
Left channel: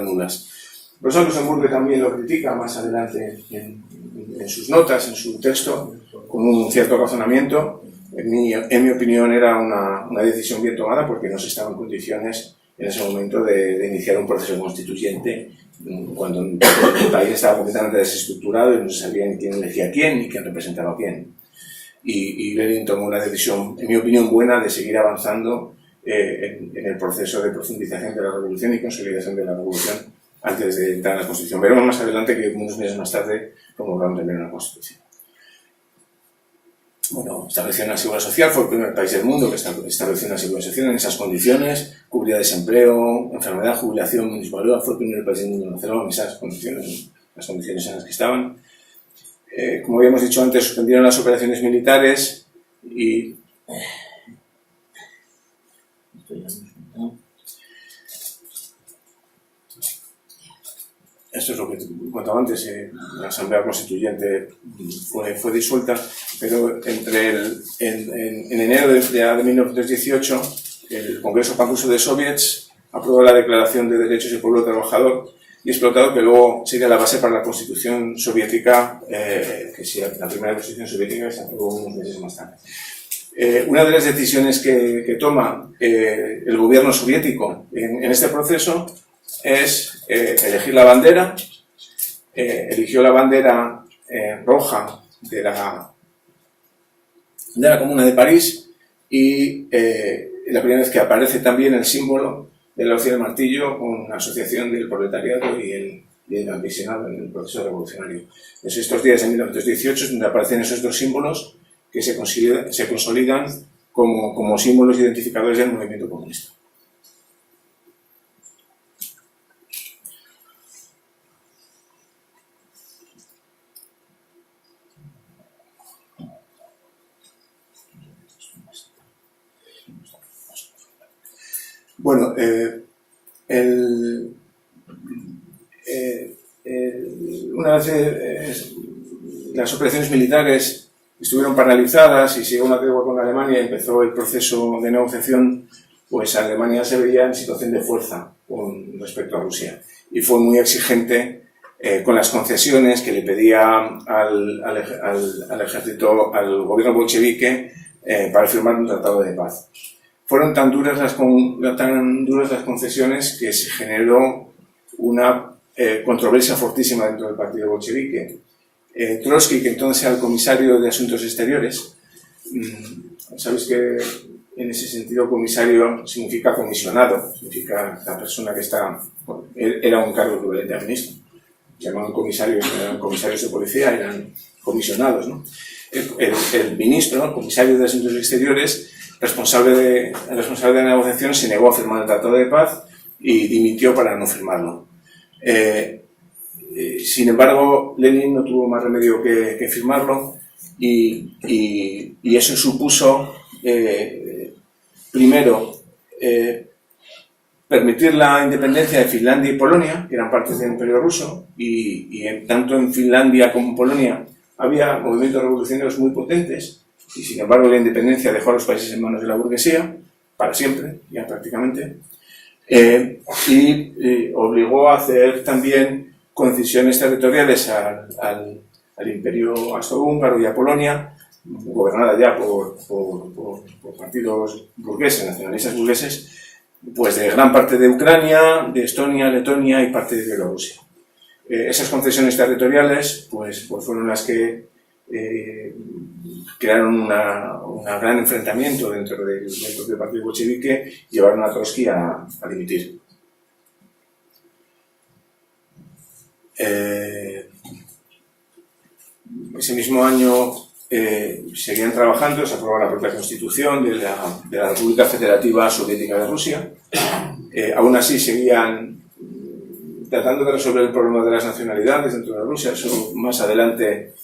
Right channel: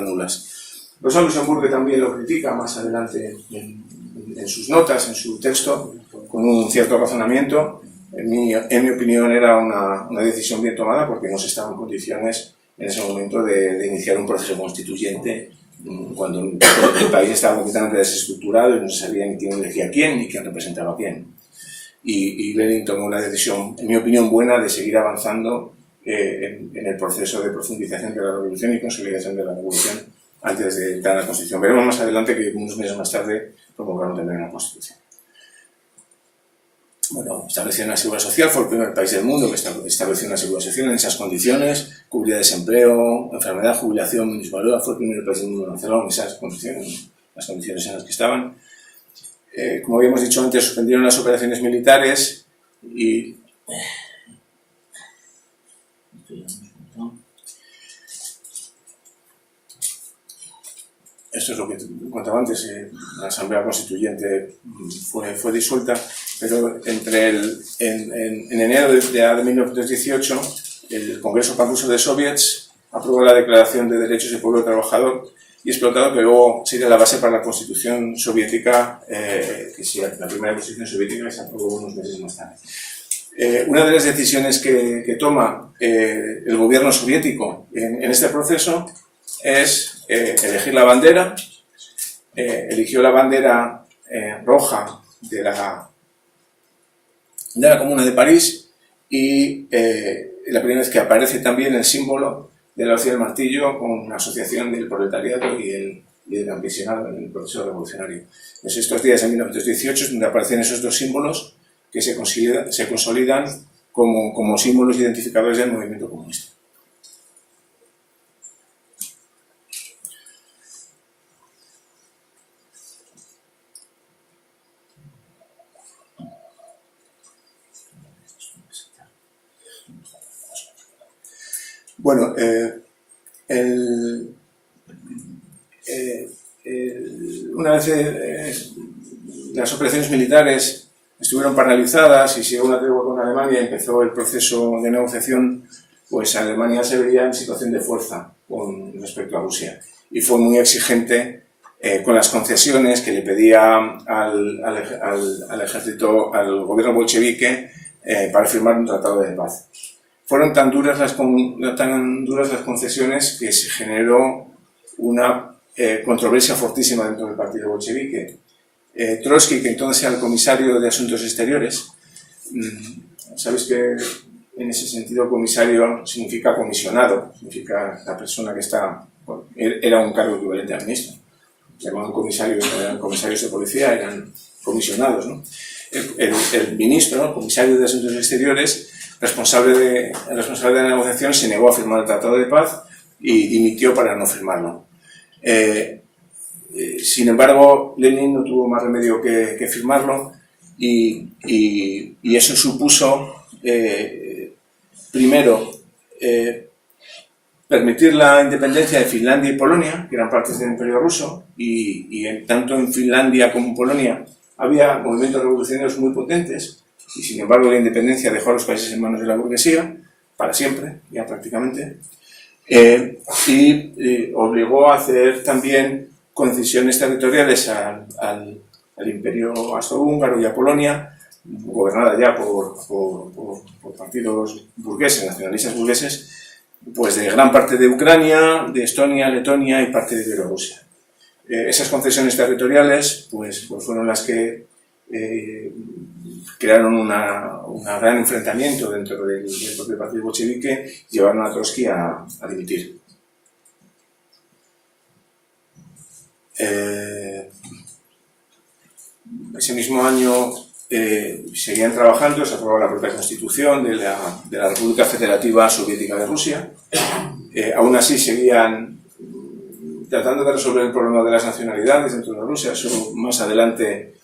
nulas. Rosa Luxemburgo también lo critica más adelante en sus notas, en su texto, con un cierto razonamiento. En mi opinión era una decisión bien tomada porque no se estaba en condiciones en ese momento de iniciar un proceso constituyente cuando el país estaba completamente desestructurado y no se sabía ni quién elegía a quién ni quién representaba a quién. Y Lenin tomó una decisión, en mi opinión, buena de seguir avanzando en el proceso de profundización de la revolución y consolidación de la revolución antes de entrar a la Constitución. Veremos más adelante que unos meses más tarde promulgaron también una Constitución. Bueno, estableció una seguridad social, fue el primer país del mundo que estableció una seguridad social en esas condiciones, cubría desempleo, enfermedad, jubilación, municipalidad, fue el primer país del mundo en hacerlo en esas condiciones, las condiciones en las que estaban. Como habíamos dicho antes, suspendieron las operaciones militares y... Esto es lo que contaba antes, la Asamblea Constituyente fue disuelta, pero en enero de 1918 el Congreso Panruso de Soviets aprobó la Declaración de Derechos del Pueblo Trabajador y Explotado, que luego sería la base para la Constitución Soviética, que sí, la primera Constitución Soviética se aprobó unos meses más tarde. Una de las decisiones que toma el gobierno soviético en este proceso es elegir la bandera. Eligió la bandera roja de la Comuna de París y la primera vez que aparece también el símbolo de la hoz y el martillo con la asociación del proletariado y el campesinado en el proceso revolucionario. Es estos días de 1918 donde aparecen esos dos símbolos que se consolidan como símbolos identificadores del movimiento comunista. Bueno, una vez las operaciones militares estuvieron paralizadas y se llegó a una tregua con Alemania y empezó el proceso de negociación, pues Alemania se veía en situación de fuerza con respecto a Rusia y fue muy exigente con las concesiones que le pedía al ejército, al gobierno bolchevique para firmar un tratado de paz. Fueron tan duras las concesiones que se generó una controversia fortísima dentro del partido bolchevique. Trotsky, que entonces era el comisario de Asuntos Exteriores, sabéis que en ese sentido comisario significa comisionado, significa la persona que está, era un cargo equivalente a ministro. Se llamaban comisarios, no eran comisarios de policía, eran comisionados, ¿no? El ministro, el comisario de Asuntos Exteriores, responsable de la negociación, se negó a firmar el Tratado de Paz y dimitió para no firmarlo. Sin embargo, Lenin no tuvo más remedio que firmarlo y eso supuso, primero, permitir la independencia de Finlandia y Polonia, que eran partes del Imperio Ruso, y tanto en Finlandia como en Polonia había movimientos revolucionarios muy potentes, y sin embargo la independencia dejó a los países en manos de la burguesía, para siempre, ya prácticamente, y obligó a hacer también concesiones territoriales al Imperio Austrohúngaro y a Polonia, gobernada ya por partidos burgueses, nacionalistas burgueses, pues de gran parte de Ucrania, de Estonia, Letonia y parte de Bielorrusia. Esas concesiones territoriales pues fueron las que crearon un gran enfrentamiento dentro del propio partido bolchevique y llevaron a Trotsky a dimitir. Ese mismo año seguían trabajando, se aprobó la propia Constitución de la República Federativa Soviética de Rusia. Aún así seguían tratando de resolver el problema de las nacionalidades dentro de Rusia. Eso más adelante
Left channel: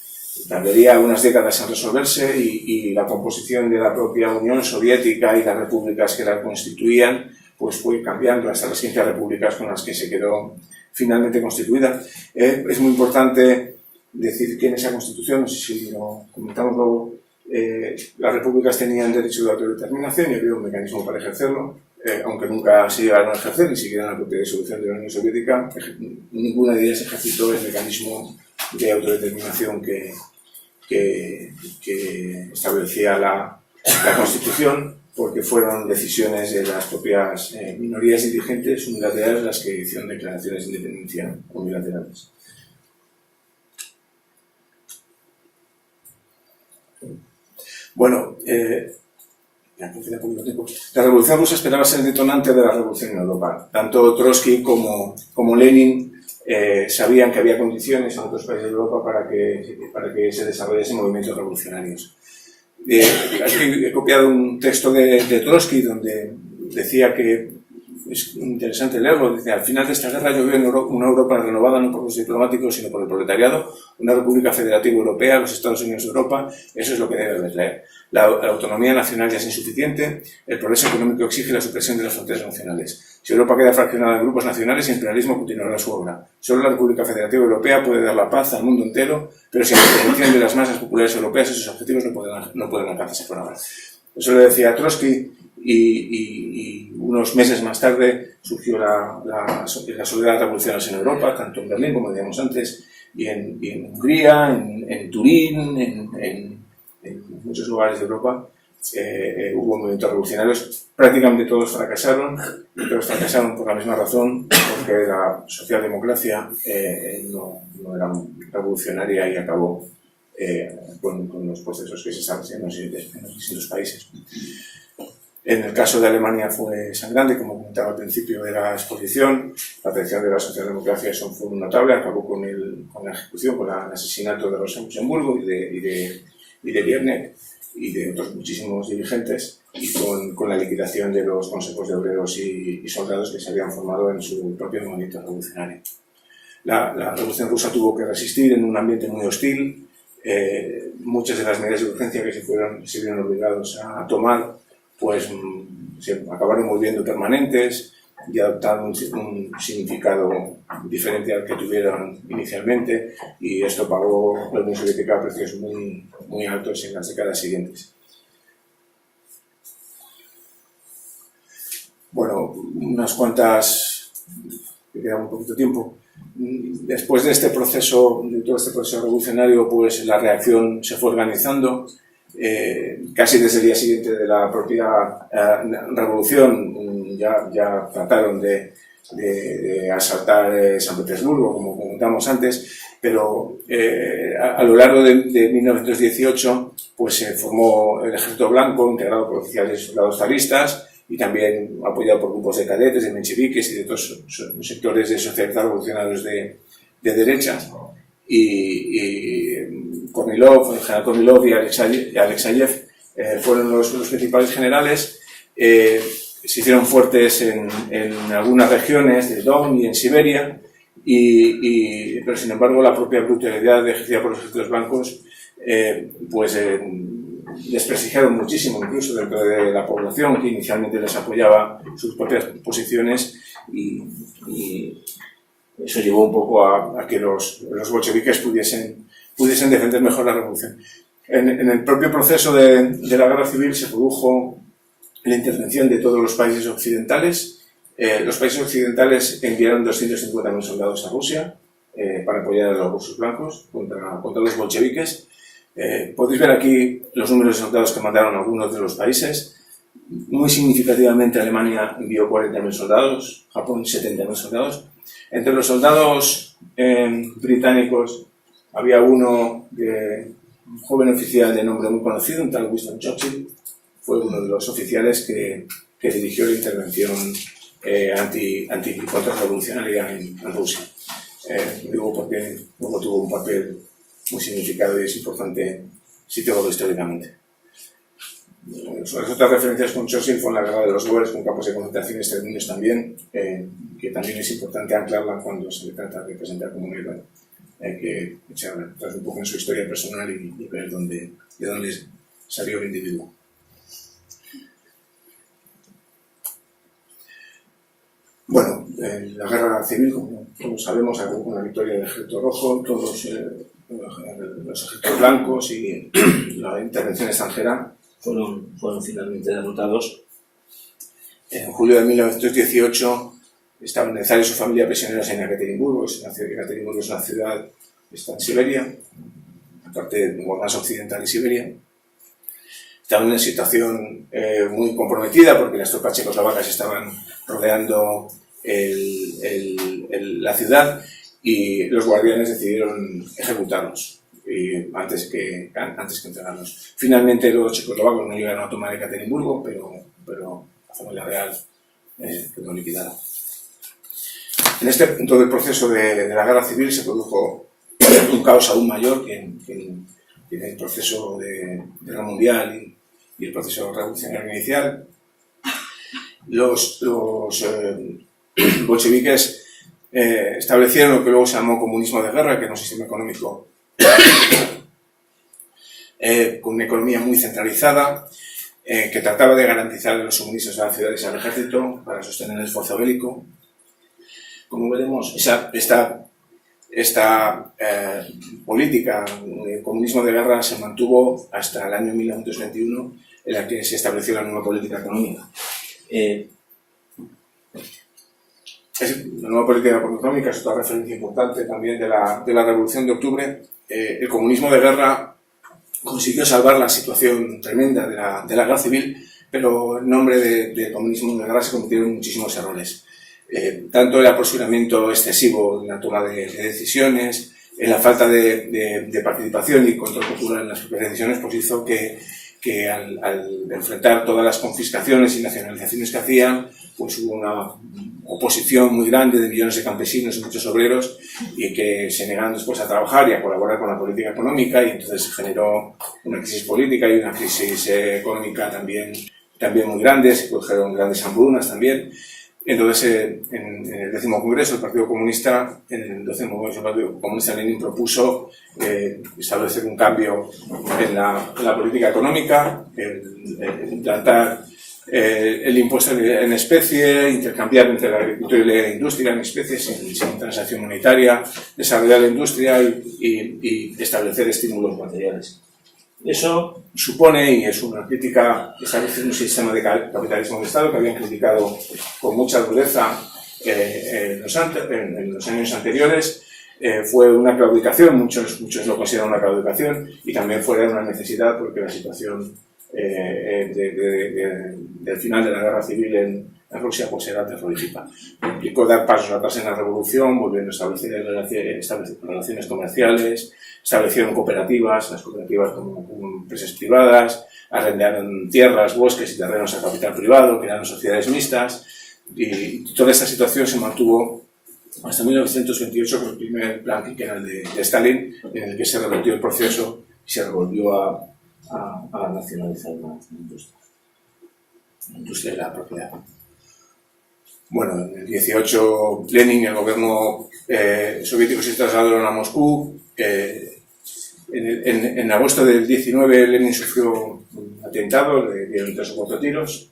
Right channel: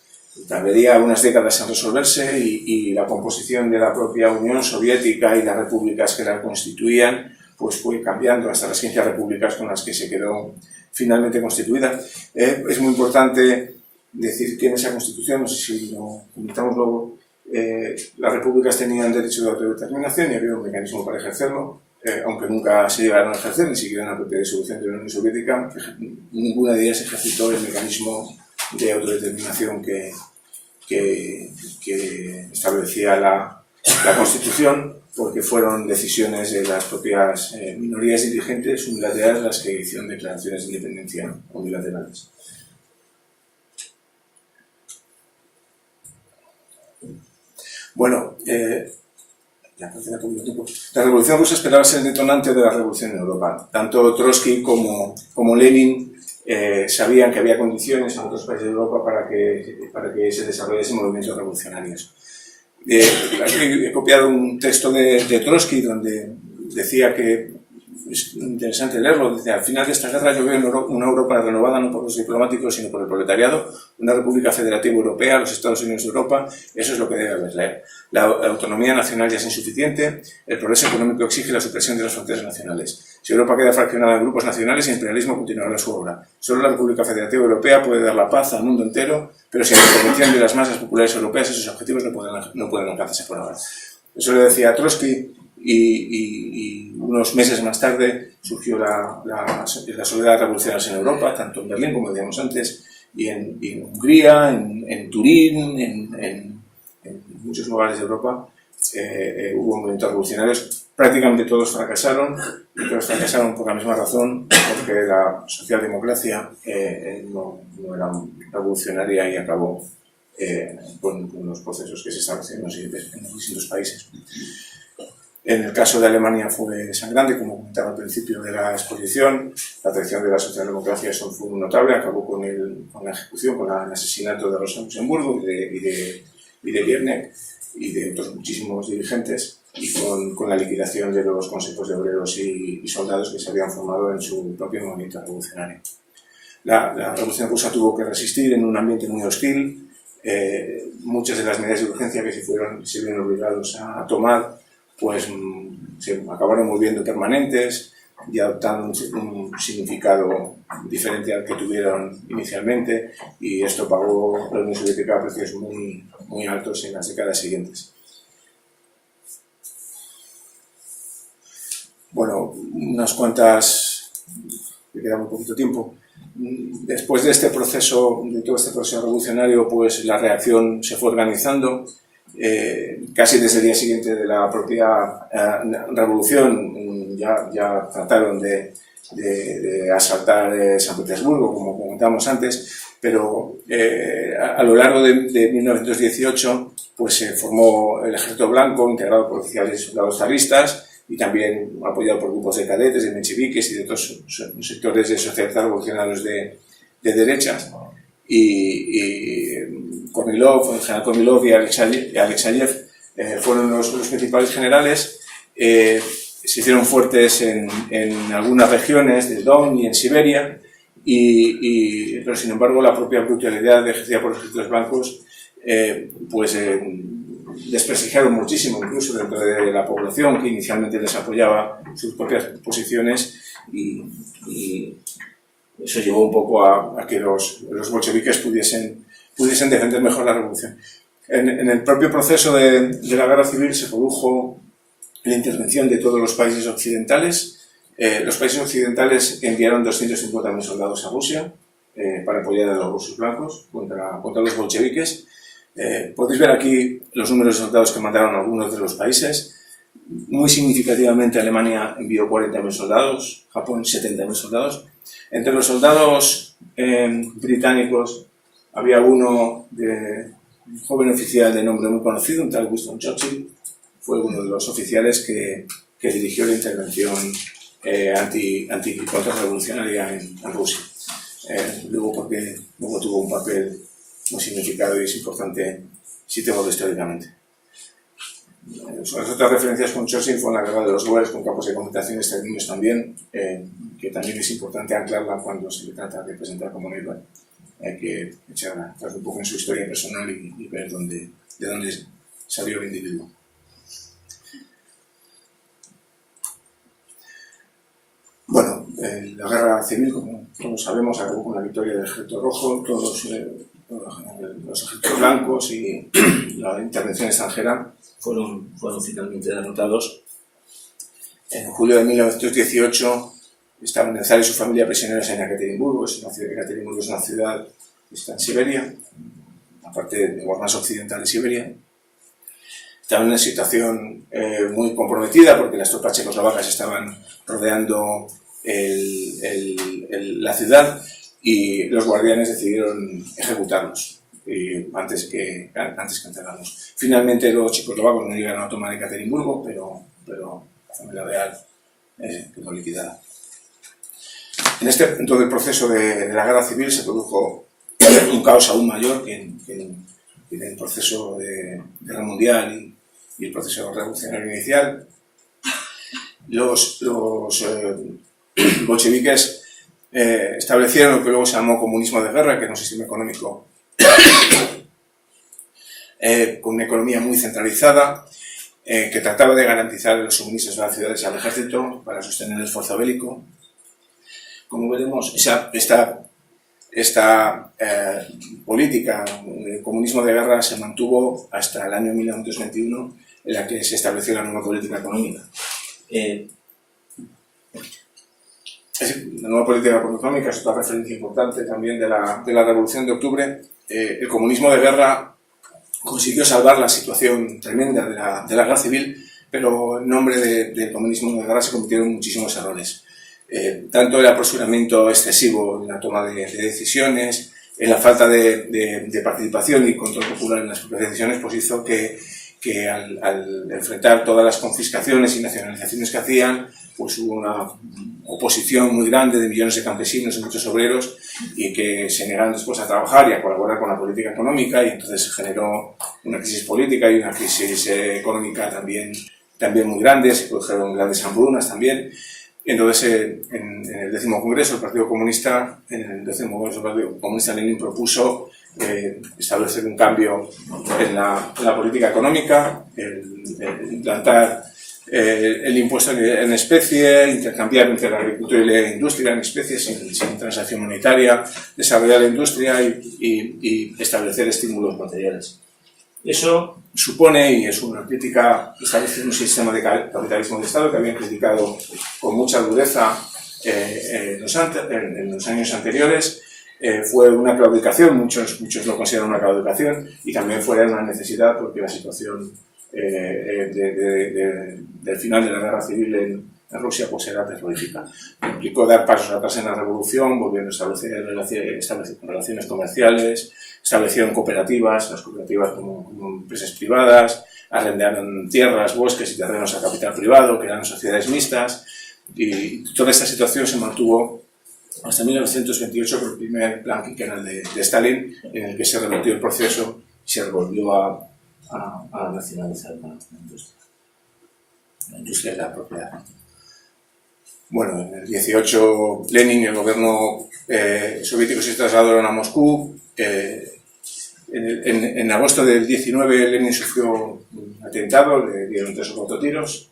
tardaría algunas décadas en resolverse y la composición de la propia Unión Soviética y las repúblicas que la constituían pues fue cambiando hasta las 15 repúblicas con las que se quedó finalmente constituida. Es muy importante decir que en esa Constitución, no sé si lo comentamos luego, las repúblicas tenían derecho de autodeterminación y había un mecanismo para ejercerlo. aunque nunca se llegaron a ejercer, ni siquiera en la propia disolución de la Unión Soviética, ninguna de ellas ejercitó el mecanismo de autodeterminación que establecía la Constitución, porque fueron decisiones de las propias minorías dirigentes unilaterales las que hicieron declaraciones de independencia unilaterales. Bueno, la Revolución Rusa esperaba ser el detonante de la revolución en Europa. Tanto Trotsky como Lenin sabían que había condiciones en otros países de Europa para que se desarrollasen movimientos revolucionarios. Aquí he copiado un texto de Trotsky donde decía que, es interesante leerlo, dice: al final de esta guerra yo veo una Europa renovada no por los diplomáticos sino por el proletariado, una república federativa europea, los Estados Unidos de Europa. Eso es lo que debe leer. La autonomía nacional ya es insuficiente, el progreso económico exige la supresión de las fronteras nacionales. Si Europa queda fraccionada en grupos nacionales, el imperialismo continuará su obra. Solo la República Federativa Europea puede dar la paz al mundo entero, pero sin la intervención de las masas populares europeas esos objetivos no pueden alcanzarse por ahora. Eso le decía Trotsky, y unos meses más tarde surgió la soledad revolucionaria en Europa, tanto en Berlín, como decíamos antes, y en Hungría, en Turín, en muchos lugares de Europa. Hubo movimientos revolucionarios, prácticamente todos fracasaron, y todos fracasaron por la misma razón, porque la socialdemocracia no era revolucionaria y acabó con los procesos que se estaban haciendo en los distintos países. En el caso de Alemania fue sangrante, como comentaba al principio de la exposición. La traición de la socialdemocracia fue un notable, acabó con la ejecución, con el asesinato de Rosa Luxemburgo y de Liebknecht y de otros muchísimos dirigentes, y con la liquidación de los consejos de obreros y soldados que se habían formado en su propio movimiento revolucionario. La Revolución Rusa tuvo que resistir en un ambiente muy hostil. Muchas de las medidas de urgencia que se vieron obligados a tomar pues se acabaron volviendo permanentes y adoptando un significado diferente al que tuvieron inicialmente, y esto pagó la Unión Soviética a precios muy, muy altos en las décadas siguientes. Bueno, unas cuantas, me queda muy poquito tiempo. Después de este proceso, de todo este proceso revolucionario, pues la reacción se fue organizando. Casi desde el día siguiente de la propia revolución ya trataron de asaltar San Petersburgo, como comentamos antes, pero a lo largo de 1918 pues se formó el Ejército Blanco, integrado por oficiales y soldados zaristas, y también apoyado por grupos de cadetes, de mencheviques y de otros sectores de socialistas revolucionarios de derechas. Kornilov, el general Kornilov y Alexeyev fueron los principales generales. Se hicieron fuertes en algunas regiones de Don y en Siberia, pero sin embargo la propia brutalidad ejercida por los ejércitos blancos desprestigiaron muchísimo, incluso dentro de la población que inicialmente les apoyaba sus propias posiciones, y eso llevó un poco a que los bolcheviques pudiesen defender mejor la revolución. En el propio proceso de la guerra civil se produjo la intervención de todos los países occidentales. Los países occidentales enviaron 250.000 soldados a Rusia para apoyar a los rusos blancos contra los bolcheviques. Podéis ver aquí los números de soldados que mandaron algunos de los países. Muy significativamente Alemania envió 40.000 soldados, Japón 70.000 soldados. Entre los soldados británicos había un joven oficial de nombre muy conocido, un tal Winston Churchill. Fue uno de los oficiales que dirigió la intervención contrarrevolucionaria en Rusia. Digo porque luego tuvo un papel muy significado y es importante situarlo históricamente. Las otras referencias con Churchill fueron la guerra de los Boers, con campos de concentración exterminios también, que también es importante anclarla cuando se le trata de presentar como un héroe. Hay que echarla atrás un poco en su historia personal y ver de dónde salió el individuo. Bueno, la guerra civil, como todos sabemos, acabó con la victoria del Ejército Rojo. Todos los ejércitos blancos y la intervención extranjera fueron finalmente derrotados. En julio de 1918 estaban Nezar y su familia prisioneros en Ekaterimburgo. Ekaterimburgo es una ciudad que está en Siberia, aparte de más occidental de Siberia. Estaban en una situación muy comprometida porque las tropas checoslovacas estaban rodeando la ciudad y los guardianes decidieron ejecutarlos antes que entregarlos. Finalmente los checoslovacos no llegaron a tomar Ekaterimburgo, pero la familia real quedó liquidada. En este punto del proceso de la guerra civil se produjo un caos aún mayor que en el proceso de guerra mundial y el proceso revolucionario inicial. Los bolcheviques establecieron lo que luego se llamó comunismo de guerra, que era un sistema económico con una economía muy centralizada, que trataba de garantizar los suministros a las ciudades y al ejército para sostener el esfuerzo bélico. Como veremos, esta política de comunismo de guerra se mantuvo hasta el año 1921, en la que se estableció la nueva política económica. La nueva política económica es otra referencia importante también de la Revolución de Octubre. El comunismo de guerra consiguió salvar la situación tremenda de la guerra civil, pero en nombre del comunismo de guerra se cometieron muchísimos errores. Tanto el apresuramiento excesivo en la toma de decisiones, en la falta de participación y control popular en las propias decisiones, pues hizo que al enfrentar todas las confiscaciones y nacionalizaciones que hacían, pues hubo una oposición muy grande de millones de campesinos y muchos obreros, y que se negaron después a trabajar y a colaborar con la política económica, y entonces se generó una crisis política y una crisis económica también muy grande. Se produjeron grandes hambrunas también. Entonces, en el 10º Congreso, el Partido Comunista, Lenin propuso establecer un cambio en la política económica, implantar el impuesto en especie, intercambiar entre la agricultura y la industria en especie sin transacción monetaria, desarrollar la industria y establecer estímulos materiales. Eso supone, y es una crítica, establecer un sistema de capitalismo de Estado que habían criticado con mucha dureza en los años anteriores. Fue una claudicación, muchos lo consideran una claudicación, y también fue una necesidad porque la situación del final de la guerra civil en Rusia pues era terrorífica. Implicó dar pasos atrás en la revolución, volviendo a establecer relaciones comerciales, establecieron cooperativas, las cooperativas como empresas privadas, arrendaron tierras, bosques y terrenos a capital privado, crearon sociedades mixtas, y toda esta situación se mantuvo hasta 1928 con el primer plan quinquenal de Stalin, en el que se revertió el proceso y se volvió a nacionalizar la industria de la propiedad. Bueno, en el 18 Lenin y el gobierno soviético se trasladaron a Moscú. En agosto del 19 Lenin sufrió un atentado, le dieron 3 o 4 tiros,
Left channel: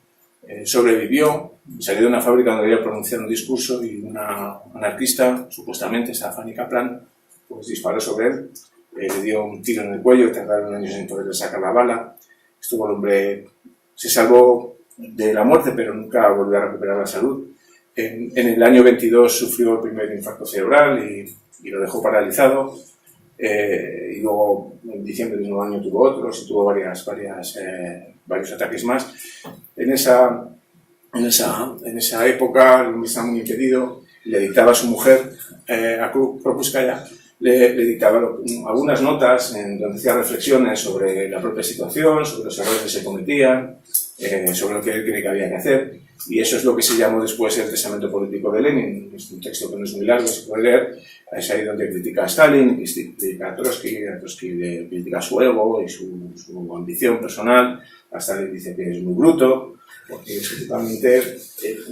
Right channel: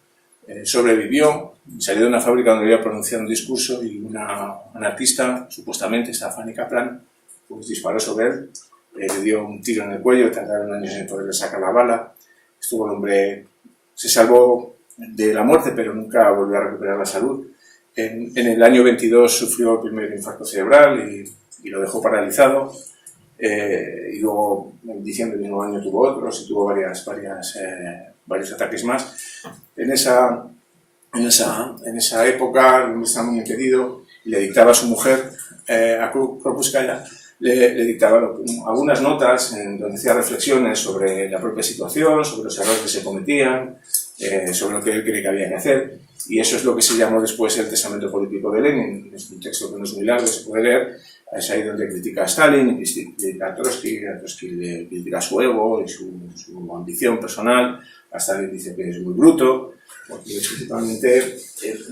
sobrevivió, salió de una fábrica donde había pronunciado un discurso y una anarquista, supuestamente Stefani Kaplan, pues disparó sobre él, le dio un tiro en el cuello, tardaron años en poderle sacar la bala. El hombre se salvó de la muerte, pero nunca volvió a recuperar la salud. En el año 22 sufrió el primer infarto cerebral y lo dejó paralizado. Y luego en diciembre del mismo año tuvo otros y tuvo varios ataques más. En esa época el estaba muy impedido y le dictaba a su mujer, a Krupskaya, le dictaba algunas notas en donde hacía reflexiones sobre la propia situación, sobre los errores que se cometían, sobre lo que él cree que había que hacer, y eso es lo que se llamó después el testamento político de Lenin. Es un texto que no es muy largo, se puede leer. Es ahí donde critica a Stalin, critica a Trotsky le critica su ego y su ambición personal. A Stalin dice que es muy bruto, porque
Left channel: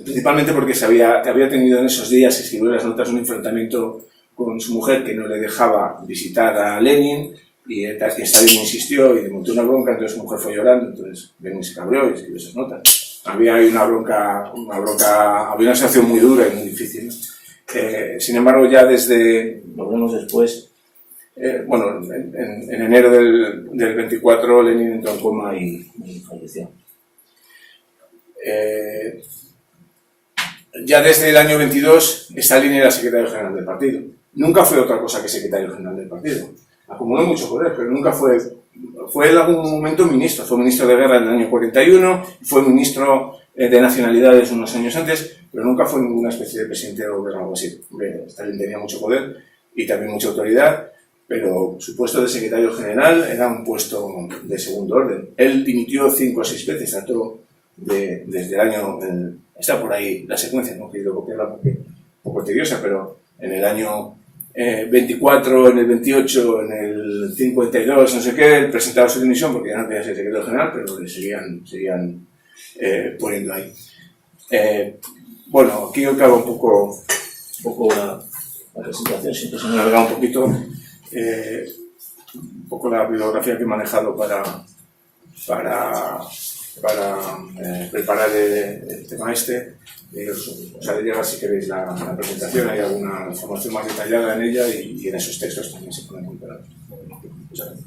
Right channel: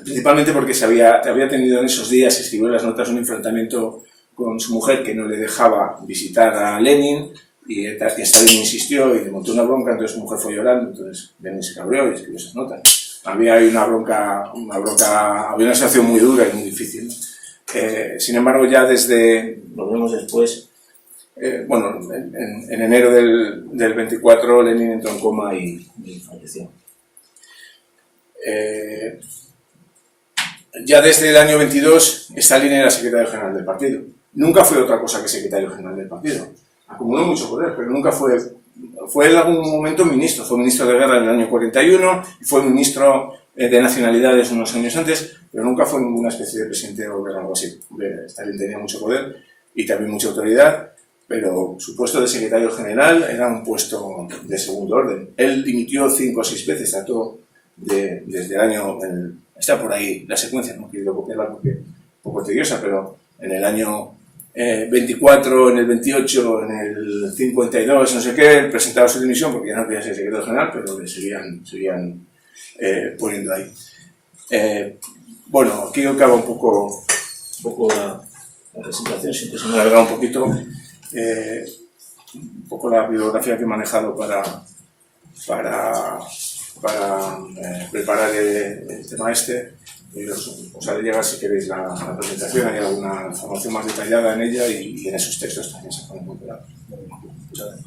principalmente porque había tenido en esos días, escribió las notas, un enfrentamiento con su mujer que no le dejaba visitar a Lenin, y Stalin insistió y le montó una bronca. Entonces su mujer fue llorando, entonces Lenin se cabreó y escribió esas notas. Había había una situación muy dura y muy difícil, ¿no? Sin embargo, ya lo vemos después, en enero del 24 Lenin entró en coma y falleció. ya desde el año 22 Stalin era secretario general del partido. Nunca fue otra cosa que secretario general del partido. Acumuló mucho poder, pero nunca fue en algún momento ministro. Fue ministro de guerra en el año 41 y fue ministro de nacionalidades unos años antes, pero nunca fue ninguna especie de presidente de gobierno o algo así. Stalin tenía mucho poder y también mucha autoridad, pero su puesto de secretario general era un puesto de segundo orden. Él dimitió 5 o 6 veces, tanto desde el año... está por ahí la secuencia, no he querido copiarla porque es un poco tediosa, pero en el año 24, en el 28, en el 52, no sé qué, presentaba su dimisión porque ya no quería ser secretario general, pero le seguían poniendo ahí. Bueno, aquí acaba un poco la presentación, siempre se me ha alargado un poquito, un poco la bibliografía que he manejado para preparar el tema este. Os haré llegar, si queréis, la presentación, hay alguna información más detallada en ella y en esos textos también se ponen muy claros. Muchas gracias.